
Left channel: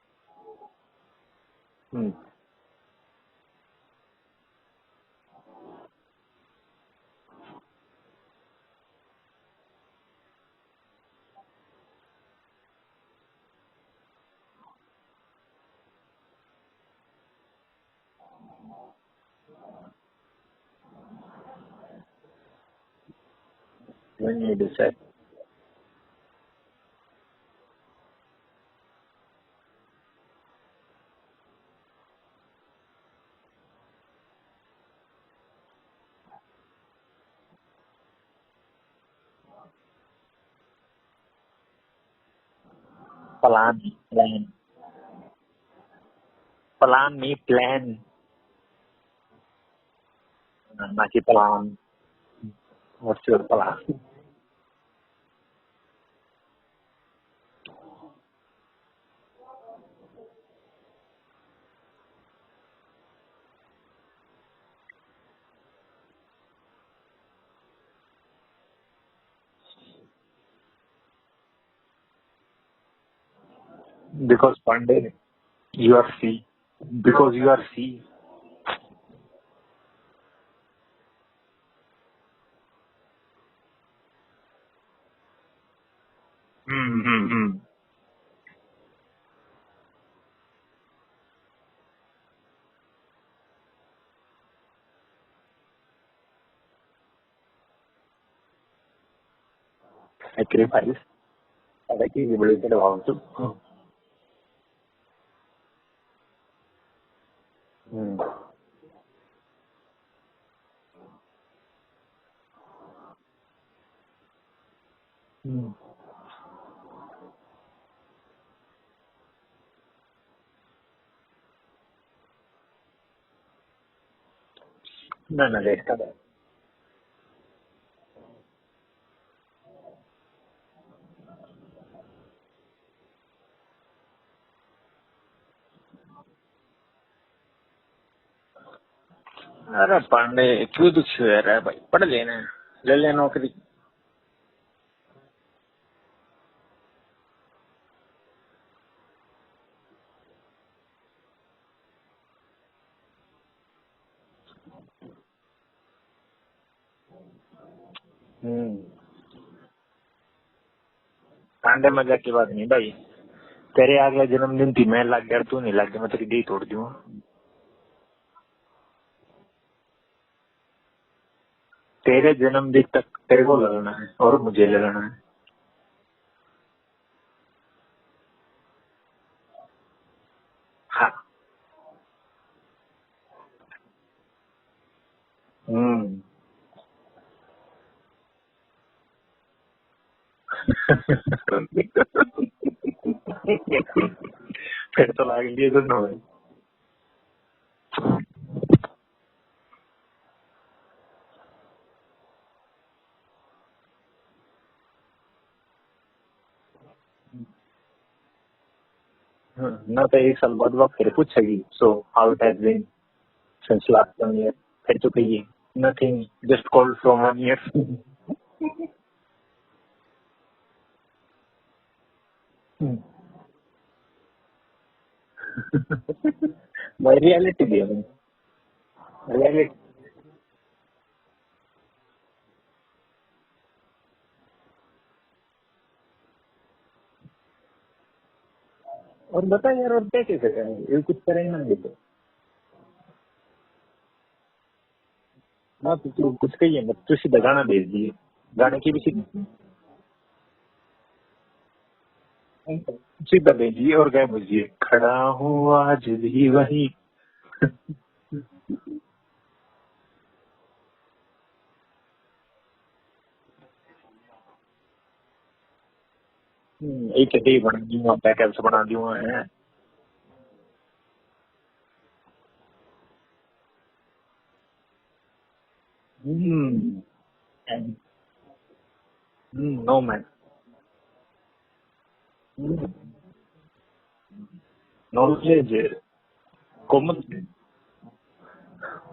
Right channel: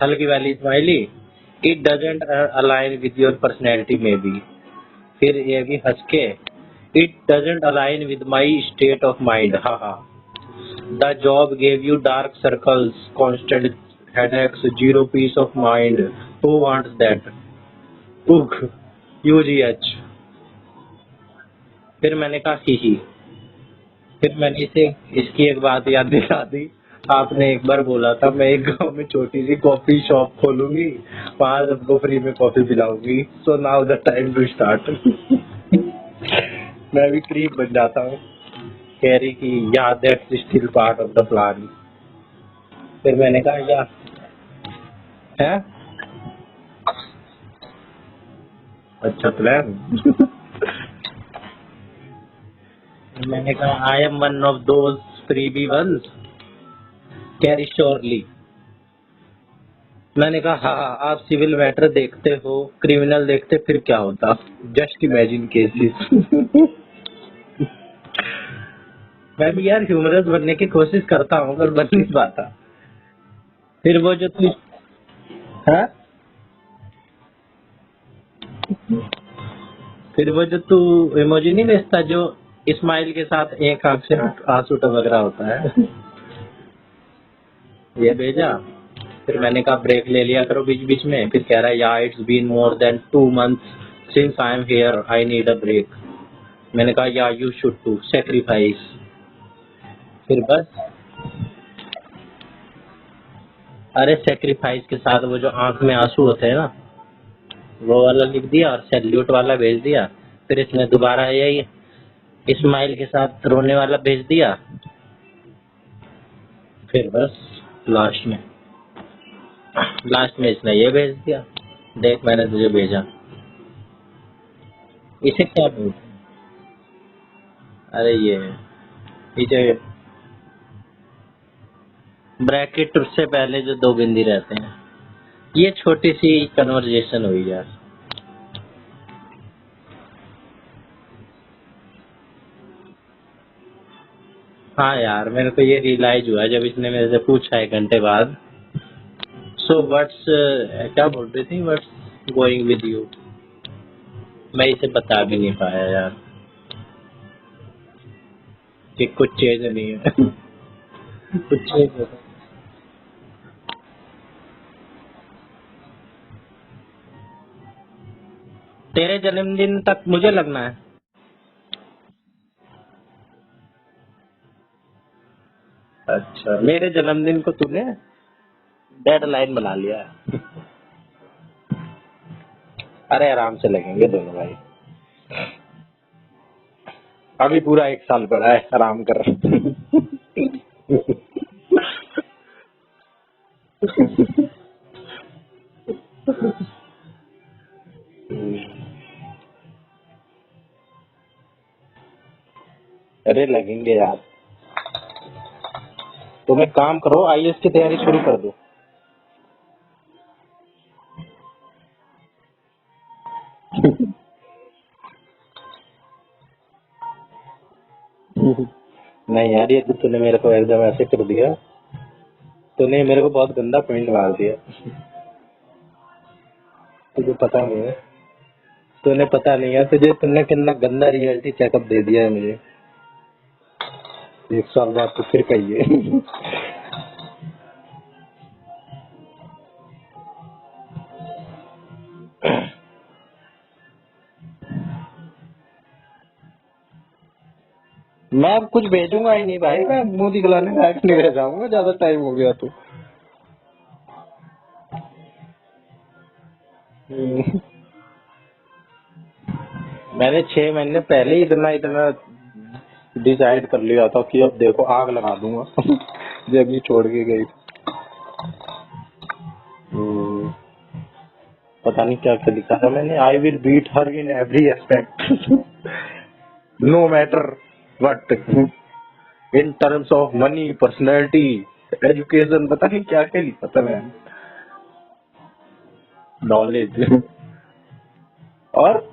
हल्की वाली smiley, it doesn't align with your personality में बी। फिर ये भी हंस के, it doesn't align with my state of mind, हाँ हाँ। The job gave you dark circles, constant headaches, zero peace of mind, who wants that, ugh ugh. फिर मैंने कहा ही। फिर मैंने इसे इसकी एक बात याद दिला दी, आपने एक बार बोला था मैं एक गांव में छोटी सी कॉफी शॉप खोलूंगी, वहां सबको फ्री में कॉफी पिलाऊंगी, so now the time to start. मैं भी क्रीम बन जाता हूँ, कह रही कि या that's still part of the plan. फिर मैंने कहा प्लान है, प्लान नहीं प्लान, अच्छा प्लान। ना कि प्लान। मैंने कहा I am one of those freebie ones, carry surely. मैंने कहा हाँ आप सिविल मैटर देखते हो, क्रिमिनल देखते फिर क्या होता, जस्ट इमेजिन केसेस। मैं भी यार ह्यूमरस बनने की कोशिश करता हूँ पर बन नहीं पाता। फिर वो जो because Pandey you are see, because you are see. फिर वो जो तू इमोजी नहीं भेजता जो स्माइल के साथ एक आंख से आंसू टपक रहा होता है, ये भेजा। फिर मैंने कहा ब्रेक ले लिया करो बीच बीच में। फिर कह रहा है या it's been more than 2 months since I am here, I need a break. मैंने कहा या यू शुड टू सैक्रिफाइस। फिर बस, अरे सैक्रिफाइस के साथ वो जो आंख में आंसू होते हैं ना, वो वाला लिख दिया और सैल्यूट वाला भेज दिया। फिर इसने दोबारा यही स्माइल के साथ रोने वाला भेज दिया। फिर बस लास्ट में इसने ये भेज दिया, देख मैंने तुझे भेजा। इसे क्या बोलते हैं, अरे ये पीछे ब्रैकेट से पहले जो 2 बिंदी रहते हैं, ये छोटी सी कन्वर्जेशन हुई यार। अरे पांडे क्यों दुखी हो रहा है भाई, पढ़ लेना, ले ले नौकरी। हाँ यार मेरे को ये रियलाइज हुआ जब इसने मेरे से पूछा 1 घंटे बाद, सो व्हाट्स, क्या बोल रही थी, व्हाट्स गोइंग विद यू। मैं इसे बता भी नहीं पाया यार कि कुछ चीज नहीं है। आगे मजाक की बात नहीं भाई, तेरे अगला जन्मदिन थी, मैं लग गया तू नहीं लग गया, मैं तेरी डी तोड़ दूंगा। तेरे जन्मदिन तक मुझे लगना है, तेरे जन्मदिन तक तेरे को लगाना है और मुझे लगाना है। अच्छा, मेरे जन्मदिन को तूने डेडलाइन बना लिया है। हाँ। अरे आराम से लगेंगे दोनों भाई, अभी पूरा 1 साल पड़ा है, आराम कर। फिर तो लग लिए दोनों में। अरे लगेंगे यार, तुम एक काम करो, आईएएस की तैयारी शुरू कर दो। ना तो 1 साल बाद वक्त फिर पूछेगी, so how it has been since last 1 year, फिर तो कहिए nothing, just called from 1 year. नहीं यार, ये तो तूने मेरे को एकदम ऐसे कर दिया, तूने मेरे को बहुत गंदा पॉइंट मार दिया। भाई पता नहीं है, तूने पता नहीं है तुझे, तुमने कितना गंदा रियलिटी चेकअप दे दिया है मुझे। 1 साल बाद तो फिर कहिए। और बता यार, और क्या कैसे करेंगे, ये कुछ करेंगे ना ये तो ना, तो तू कुछ कहिए मत, तू सीधा गाना भेज दिए। मैं कुछ भेजूंगा ही नहीं भाई, मैं मुंह दिखलाने लायक नहीं रह जाऊंगा, ज्यादा टाइम हो गया तो। सीधा भेजिए और क्या भेजिए, खड़ा हूँ आज भी वही। मैंने 6 महीने पहले ही इतना इतना डिसाइड कर लिया था कि अब देखो आग लगा दूंगा। जब ये छोड़ के गई, बना दूंगा, पैकेट्स बना दूंगा है। पता नहीं क्या क्या लिखा था मैंने, I will beat her in every aspect, no matter what, in terms of money, personality, education, पता नहीं क्या क्या लिखा था मैंने। नॉलेज और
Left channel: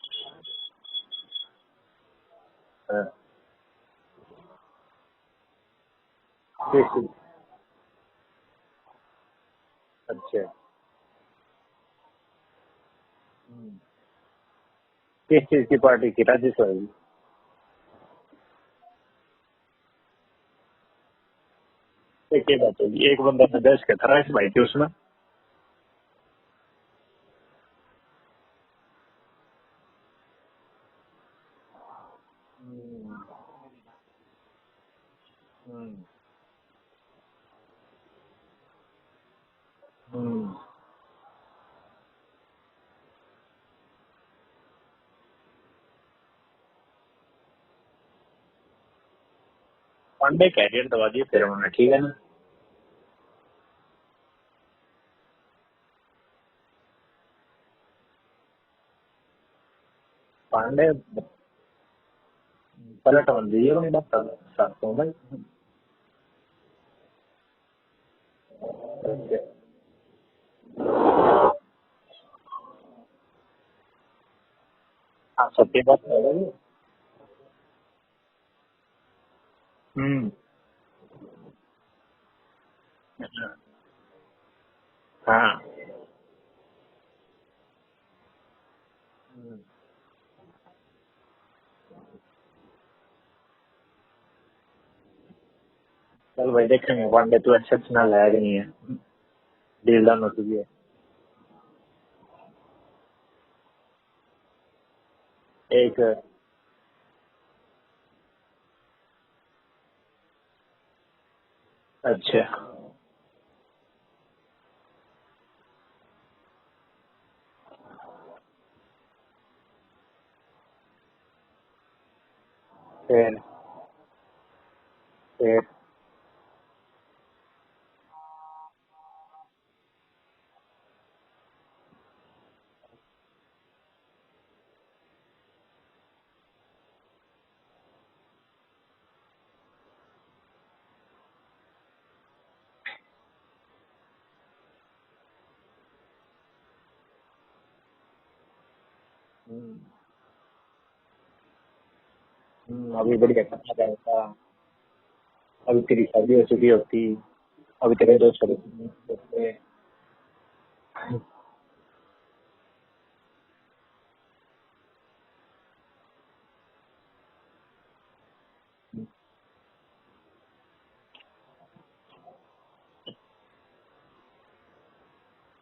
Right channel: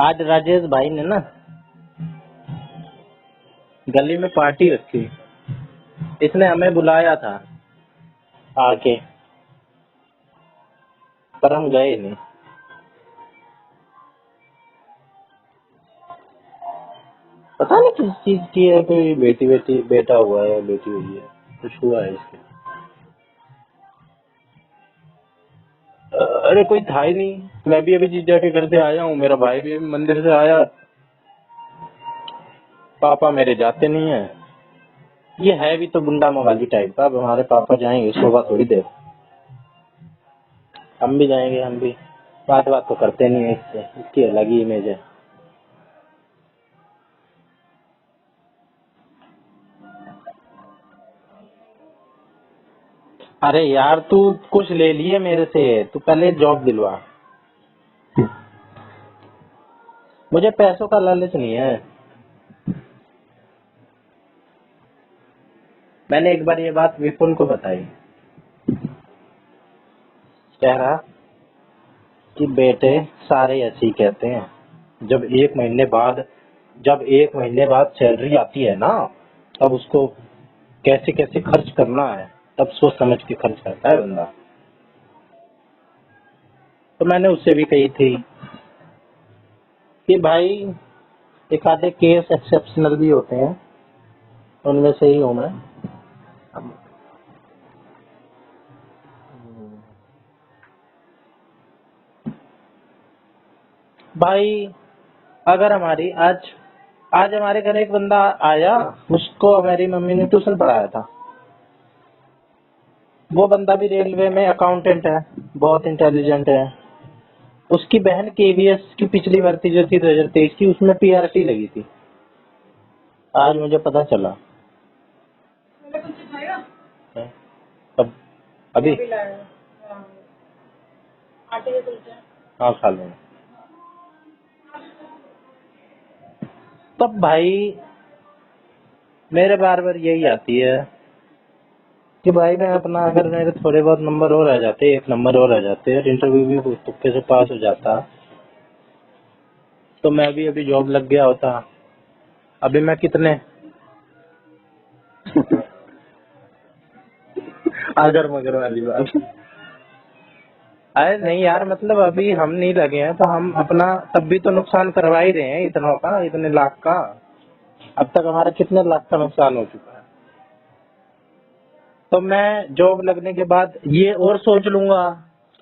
आज राजेश भाई ने ना गली में पार्टी रखी, इसने हमें बुलाया था आके, अच्छा, पर हम गए नहीं। किस चीज की पार्टी की, राजेश होगी? पता नहीं किस चीज की है, कोई बेटा हुआ है, बेटी हुई है, कुछ हुआ है। क्या बात होगी, एक बंदा देश के था इस भाई थे उसमें। अरे कोई था ही नहीं, मैं भी अभी जीजा के घर से आया हूँ, मेरा भाई भी अभी मंदिर से आया, पापा मेरे जाते नहीं है। ये है भी तो गुंडा मवाली टाइप का, अब हमारे पापा जाएंगे सुबह थोड़ी देर, हम भी जाएंगे, हम भी बात तो करते नहीं है इससे, इसकी अलग ही इमेज है। पांडे कैरियर दबा दिए फिर उन्होंने, ठीक है ना। अरे यार तू कुछ ले लिए मेरे से, तू पहले जॉब दिलवा, मुझे पैसों का लालच नहीं है। पलट बन दीजिए मैं बात करता हूँ भाई। मैंने एक बार ये बात विपुल को बताई, कह रहा कि बेटे सारे ऐसे ही कहते हैं, जब एक महीने बाद सैलरी आती है ना, तब उसको कैसे कैसे खर्च करना है, तब सोच समझ के खर्च करता है बंदा। हाँ, तो मैंने उससे भी कही थी कि भाई एक आधे केस एक्सेप्शनल भी होते हैं, उनमें से ही हूँ मैं। चल भाई देखेंगे, पांडे तू एक्सेप्शनल है कि नहीं है, डील डन हो चुकी है भाई। अगर हमारी आज हमारे घर एक बंदा आया, उसको हमारी मम्मी ने ट्यूशन पढ़ाया था। अच्छा, वो बंदा भी रेलवे में अकाउंटेंट है, बहुत इंटेलिजेंट है। उसकी बहन केवीएस की पिछली भर्ती जो थी 2023 की, उसमें पीआरटी लगी थी, आज मुझे पता चला। अब अभी हाँ खा लो। तब भाई मेरे बार बार यही आती है कि भाई मैं अपना, अगर मेरे थोड़े बहुत नंबर और आ जाते, 1 नंबर और आ जाते, इंटरव्यू भी तुक्के से पास हो जाता, तो मैं भी अभी जॉब लग गया होता। अभी मैं कितने अभी तेरी शादी हो चुकी होती, अगर मगर वाली बात। अरे नहीं यार, मतलब अभी हम नहीं लगे हैं तो हम अपना तब भी तो नुकसान करवा ही रहे हैं, इतने लाख का। अब तक हमारा कितने लाख का नुकसान हो चुका है। तो मैं जॉब लगने के बाद ये और सोच लूंगा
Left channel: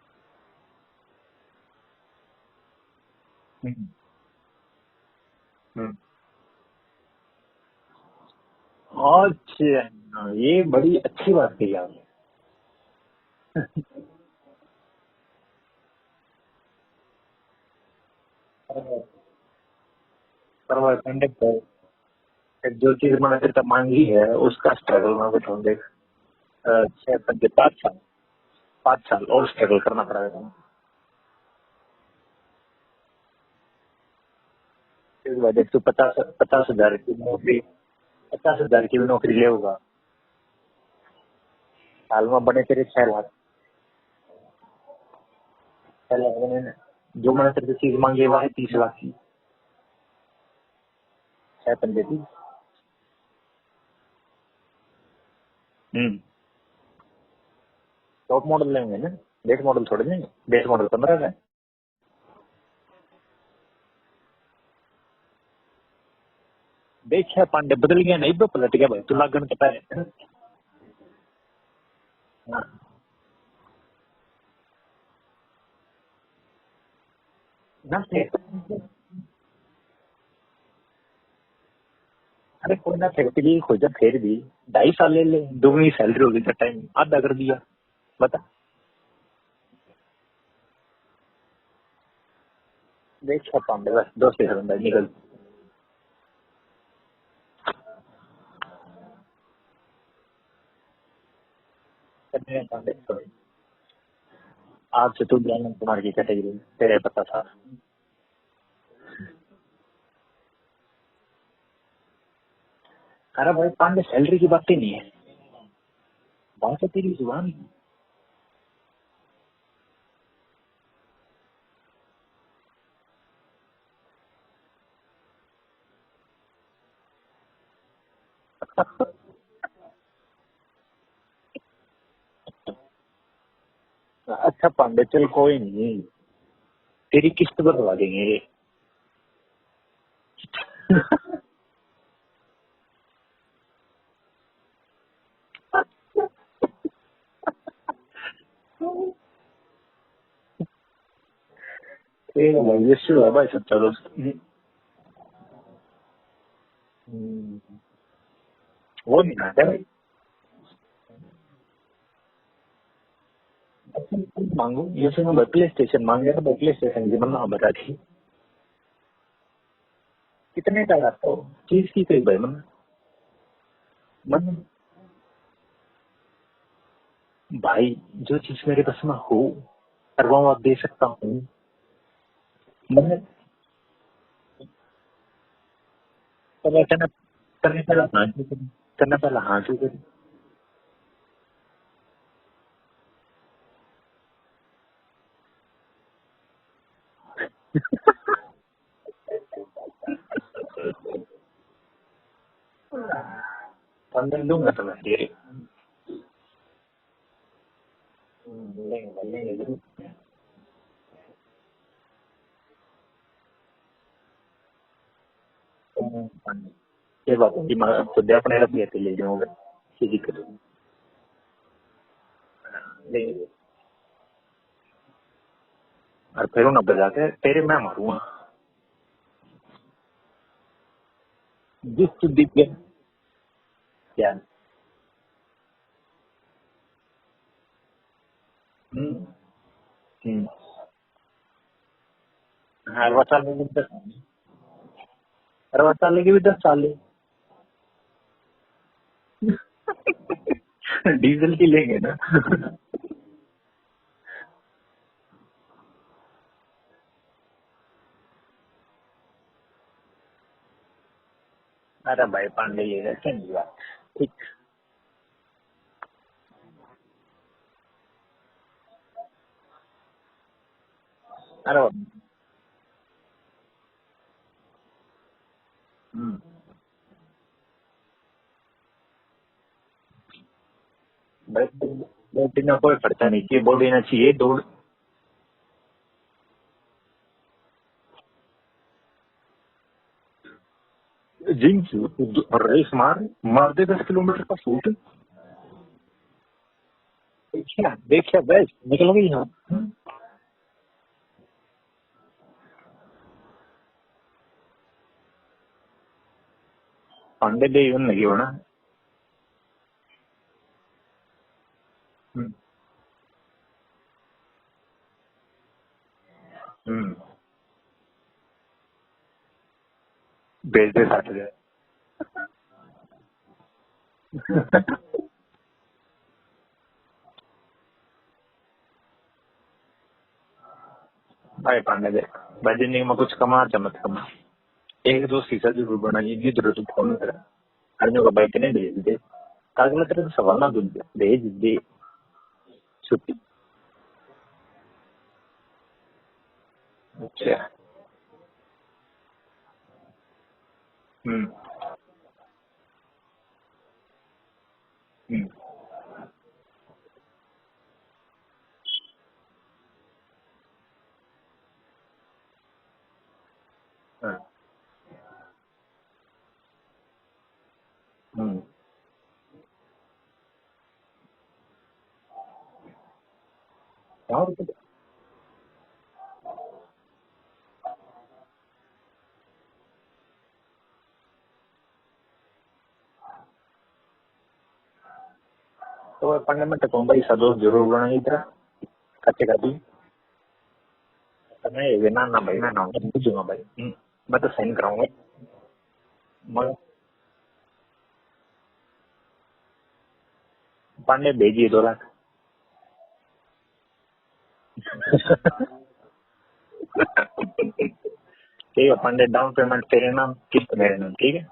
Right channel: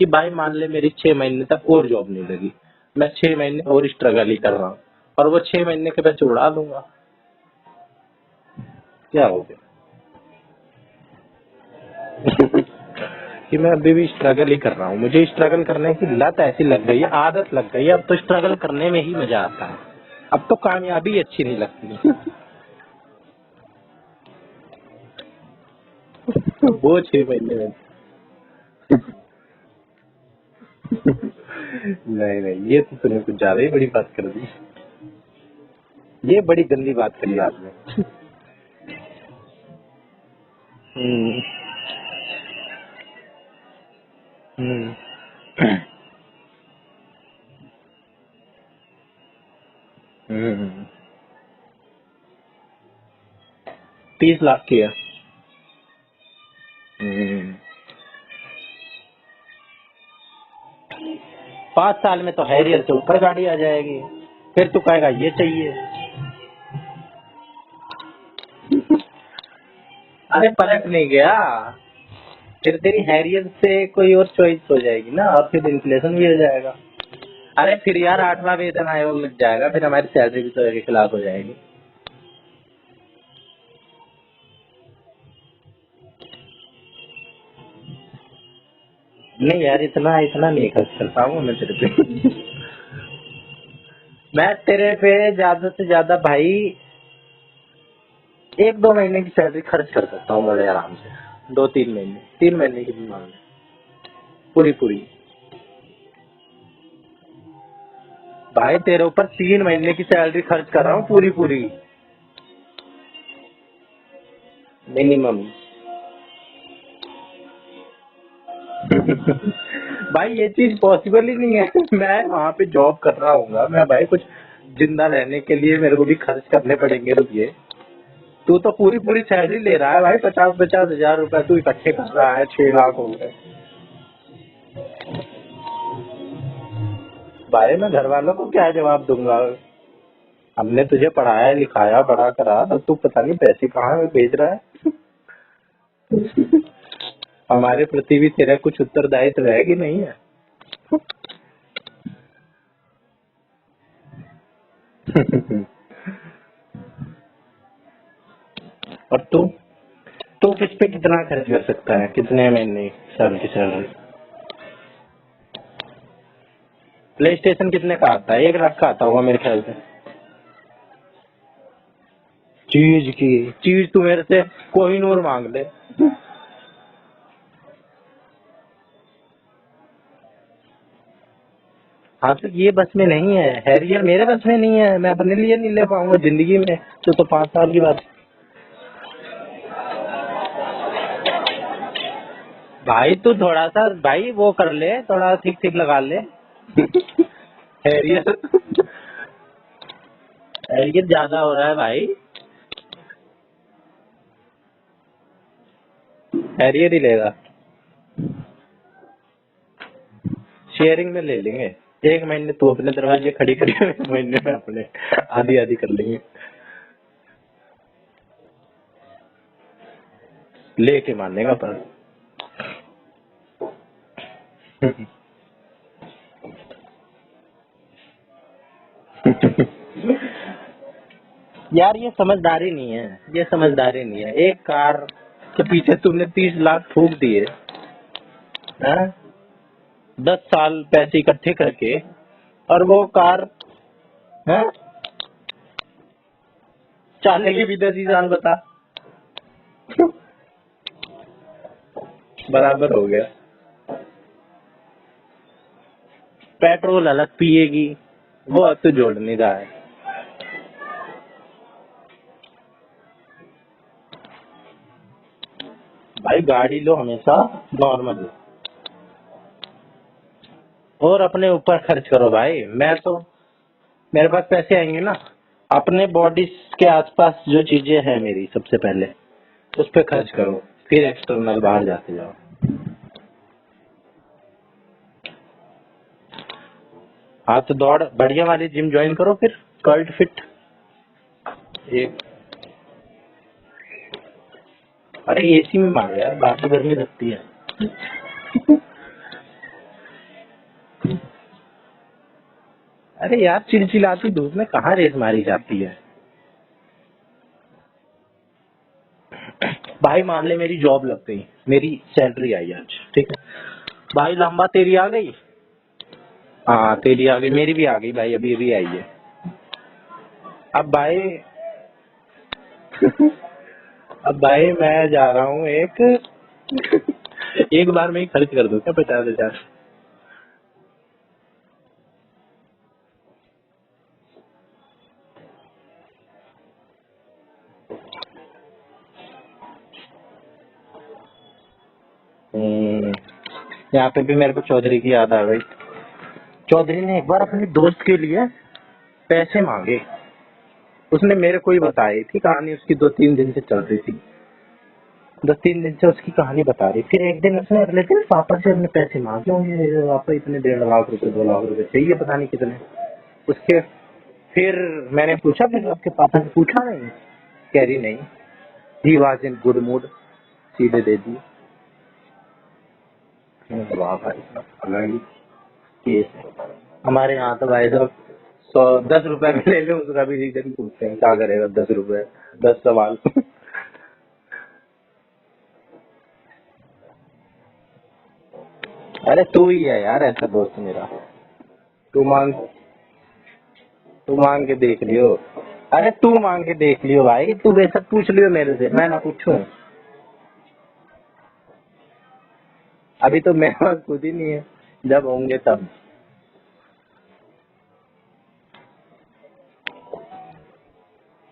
कि भाई मान ले मेरी 6 महीने तक और जॉब नहीं लगी, मैं 6 महीने और स्ट्रगल ही कर रहा हूँ, और वो 6 महीने के पैसे उड़ा दूंगा। अच्छा, ये बड़ी अच्छी बात कही आप। कि मैं अभी भी स्ट्रगल ही कर रहा हूँ, मुझे स्ट्रगल करने की लत ऐसी लग गई है, आदत लग गई है, अब तो स्ट्रगल करने में ही मजा आता है, अब तो कामयाबी अच्छी नहीं लगती। जो चीज मैंने तेरे से मांगी है उसका स्ट्रगल मैं बताऊँ, देख वो 6 महीने 5 साल और स्ट्रगल करना पड़ेगा। नहीं ये तो तूने कुछ ज्यादा ही बड़ी बात कर दी। इस वजह से तू 50 ये बड़ी गंदी बात करी आपने। 50,000 की भी नौकरी ले होगा, साल में बने तेरे 6 लाख। 6 लाख बने ना, जो मैंने तेरे से चीज मांगी है वो है 30 लाख की। 30 लाख की है। टॉप मॉडल लेंगे ना, बेस मॉडल थोड़े लेंगे, बेस मॉडल 15 है। 5 साल में तो हैरियर से ऊपर गाड़ी आ जाएगी, फिर तू कहेगा ये चाहिए। देखिए पांडे बदल गया, नहीं तो पलट गया, बस लागन कटा है। अरे पलट नहीं गया, फिर तेरी हैरियर से कोई और चॉइस हो जाएगी ना, और फिर इन्फ्लेशन भी हो जाएगा। अरे फिर यार 8वां वेतन आयोग लग जाएगा, फिर हमारी सैलरी भी तो एक लाख हो जाएगी। अरे कोई ना, फैक्ट्री खोजा, फिर भी 2.5 साल ले ले, दुगनी सैलरी होगी, टाइम आधा कर दिया, बता। नहीं यार इतना नहीं खर्च करता हूँ मैं तेरे पे। देखिए पांडे बस मैं तेरे पे ज्यादा से ज्यादा भाई 1-2 महीने की सैलरी खर्च कर सकता हूँ बड़े आराम से, 2-3 महीने, 3 महीने की पूरी। आज से तू ज्ञान कुमार की कैटेगरी तेरे पता था भाई, तेरे ऊपर 3 महीने की सैलरी खर्च कर रहा हूँ पूरी। अरे भाई पांडे, सैलरी की बात ही नहीं है, मिनिमम। कौन सा तेरी जुबान। भाई ये चीज पॉसिबल ही नहीं है। मैं वहाँ पे जॉब कर रहा हूँ, मैं भाई कुछ जिंदा रहने के लिए मेरे को भी खर्च करने पड़ेंगे रुपये। तू तो पूरी सैलरी ले रहा है भाई, 50 हजार रुपए तू इकट्ठे कर रहा है, 6 लाख हो गए। अच्छा पांडे चल कोई नहीं, तेरी किस भाई मैं घर वालों को क्या जवाब दूंगा, हमने तुझे पढ़ाया लिखाया बड़ा करा, अब तू पता नहीं पैसे कहाँ भेज रहा है। हमारे प्रति भी तेरा कुछ उत्तरदायित्व है कि नहीं है। ये शुरू है भाई सच्चा दोस्त। और तू किस पे कितना खर्च कर सकता है, कितने महीने साल की सैलरी मांगू? जैसे मैं प्ले स्टेशन मांगे तो प्ले स्टेशन कितने का आता है? 1 लाख का आता होगा मेरे ख्याल से। कितने का आता है? चीज की कोई भाई, चीज तू मेरे से कोहिनूर मांग ले भाई, जो चीज मेरे पास में हो करवाऊँ आप दे सकता हूँ। हाँ तो ये बस में नहीं है, हैरियर मेरे बस में नहीं है, मैं अपने लिए नहीं ले पाऊंगा जिंदगी में। तो 5 साल की बात करना पहला हाँ क्यों भाई, तू थोड़ा सा भाई वो कर ले, थोड़ा ठीक लगा ले। हैरियर ज्यादा हो रहा है भाई, 15 दूंगा तो मैं हैरियर ही लेगा, शेयरिंग में ले लेंगे। 1 महीने तू अपने दरवाजे खड़ी करी, 1 महीने में अपने आधी कर लेंगे। ये बात है कि मैं खुद अपने रख लेते ले जाऊंगा, कोई दिक्कत नहीं, लेके मानेगा पर और फिर ना बजा के तेरे मैं मारूंगा। यार ये समझदारी नहीं है, ये समझदारी नहीं है। एक कार के पीछे तुमने 30 लाख फूक दिए, 10 साल पैसे इकट्ठे करके, और वो कार है 60 साल की भी 10 साल चाले की भी 10 ही साल, बता। डीजल की लेंगे ना, बराबर हो गया। पेट्रोल अलग पिएगी, वो अब तो जोड़ नहीं रहा है। अरे भाई पांडे ये ठीक भाई गाड़ी लो हमेशा नॉर्मल, और अपने ऊपर खर्च करो भाई। मैं तो मेरे पास पैसे आएंगे ना, अपने बॉडी के आसपास जो चीजें हैं मेरी, सबसे पहले उस पे खर्च करो, फिर एक्सटर्नल बाहर जाते जाओ। बॉडी का कोई खर्चा नहीं चाहिए, बॉडी ना चाहिए दौड़। हाँ तो दौड़ बढ़िया वाली जिम ज्वाइन करो, फिर कर्ल्ड फिट जिम से रेस मार दे 10 किलोमीटर का सूट, अरे एसी में मार यार, बाकी गर्मी लगती है। देख सकते निकलोगे यहाँ। अरे यार चिलचिलाती धूप में कहाँ रेस मारी जाती है। पांडे दे यूं लगी हो ना भाई मान ले मेरी जॉब लग गई, मेरी सैलरी आई आज, ठीक है भाई। लंबा तेरी आ गई? हाँ तेरी आ गई, मेरी भी आ गई भाई, अभी अभी आई है। अब भाई अब भाई मैं जा रहा हूँ एक बार में ही खर्च कर दूं क्या 50,000? भाई पांडे दे भाई, जिंदगी में कुछ कमा मत कमा, एक दो सीसा जरूर बनाइए जी जरूरत फोन करा आदमियों का बाइक नहीं भेज दे कागल तेरे सवाल ना दूध भेज दे। यहाँ पे भी मेरे को चौधरी की याद आ गई। चौधरी ने एक बार अपने दोस्त के लिए पैसे मांगे, उसने मेरे को ही बताई थी कहानी, उसकी 2-3 दिन से चल रही थी, 2-3 दिन से उसकी कहानी बता रही। फिर एक दिन उसने अगले दिन पापा से अपने पैसे मांगे होंगे, पापा इतने 1.5 लाख रुपए 2 लाख रुपए चाहिए, पता नहीं कितने उसके। फिर मैंने पूछा, फिर आपके पापा ने पूछा नहीं? कह रही नहीं, he was in good mood, सीधे दे दिए। हमारे यहाँ तो भाई साहब 10 रुपए में ले लो, उसका भी रीजन पूछते हैं, क्या करेगा 10 रुपए, 10 सवाल। तो पढ़ने में टकों भाई सा दोस्त जरूर बनाना इधर। अरे तू ही है यार ऐसा दोस्त मेरा, तू मांग के देख लियो। अरे तू मांग के देख लियो भाई, तू बेशक पूछ लियो मेरे से, मैं ना पूछूं। पांडे भेजिए 2 लाख। अभी तो मेरे पास खुद ही नहीं है, जब होंगे तब। ठीक है पांडे, डाउन पेमेंट तेरे नाम, किस्त मेरे नाम, ठीक है।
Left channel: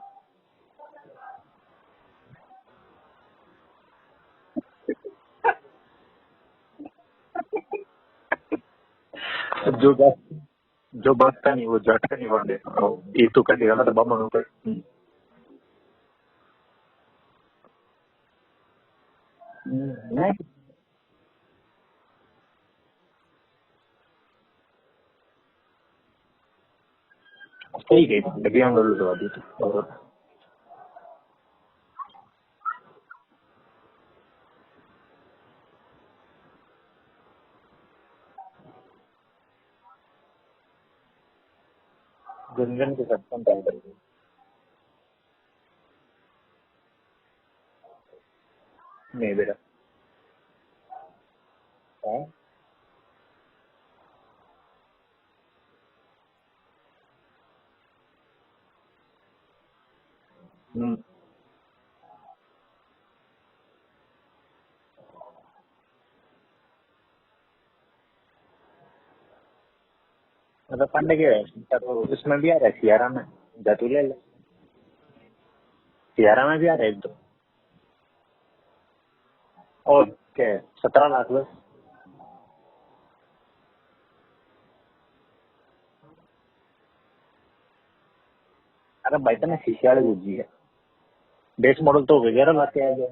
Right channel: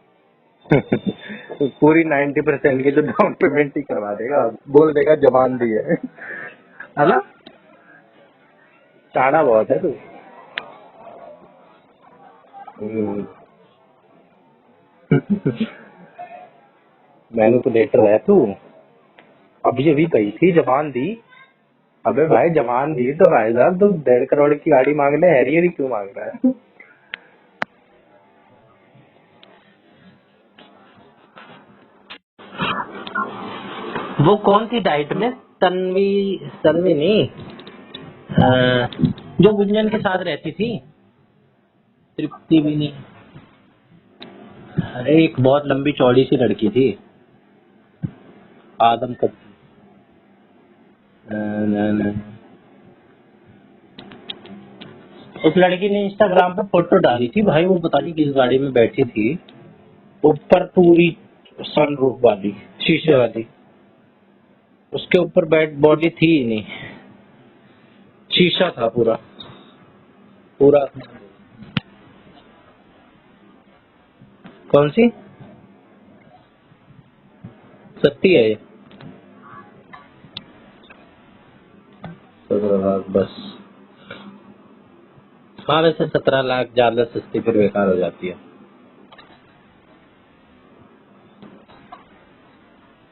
तो पूरी 90% की तो डाउन पेमेंट ही करवा देगा, बोल देगा जबान दी है ना। टाड़ा बहुत है। जो बचता नहीं वो झटका नहीं बढ़ ये तो कटेगा ना तो बाबा नो मैनिपुलेटर है तू। अभी अभी गई थी जबान दी। अबे भाई जबान दी तो भाई साहब तू 1.5 करोड़ की गाड़ी मांग ले, हैरियर क्यों मांग रहा है? ठीक है अभी हम लोग दवा दी तो। वो कौन सी डाइट में? तन्वी नहीं, जो गुंजन के साथ रहती थी, तृप्ति भी नहीं। अरे एक बहुत लंबी चौड़ी सी लड़की थी, आदम नहीं बेटा। उस लड़की ने इंस्टाग्राम पे फोटो डाली थी भाई, वो पता नहीं किस गाड़ी में बैठी थी, ऊपर पूरी सनरूफ वाली, शीशे वाली, उसके ऊपर बेड बॉडी थी ही नहीं, शीशा था पूरा पूरा। पांडे के उसमें भी आ रहा है सियारा में, जातू ले ले। कौन सी? सियारा में भी आ रहा है एक दो। सस्ती है ये? और क्या 17 लाख बस। 17 लाख बस? हाँ वैसे 17 लाख ज्यादा सस्ती फिर बेकार हो जाती है। अरे भाई तो शीशे वाली गुज्जी है, बेस मॉडल तो 11 लाख के आ गया।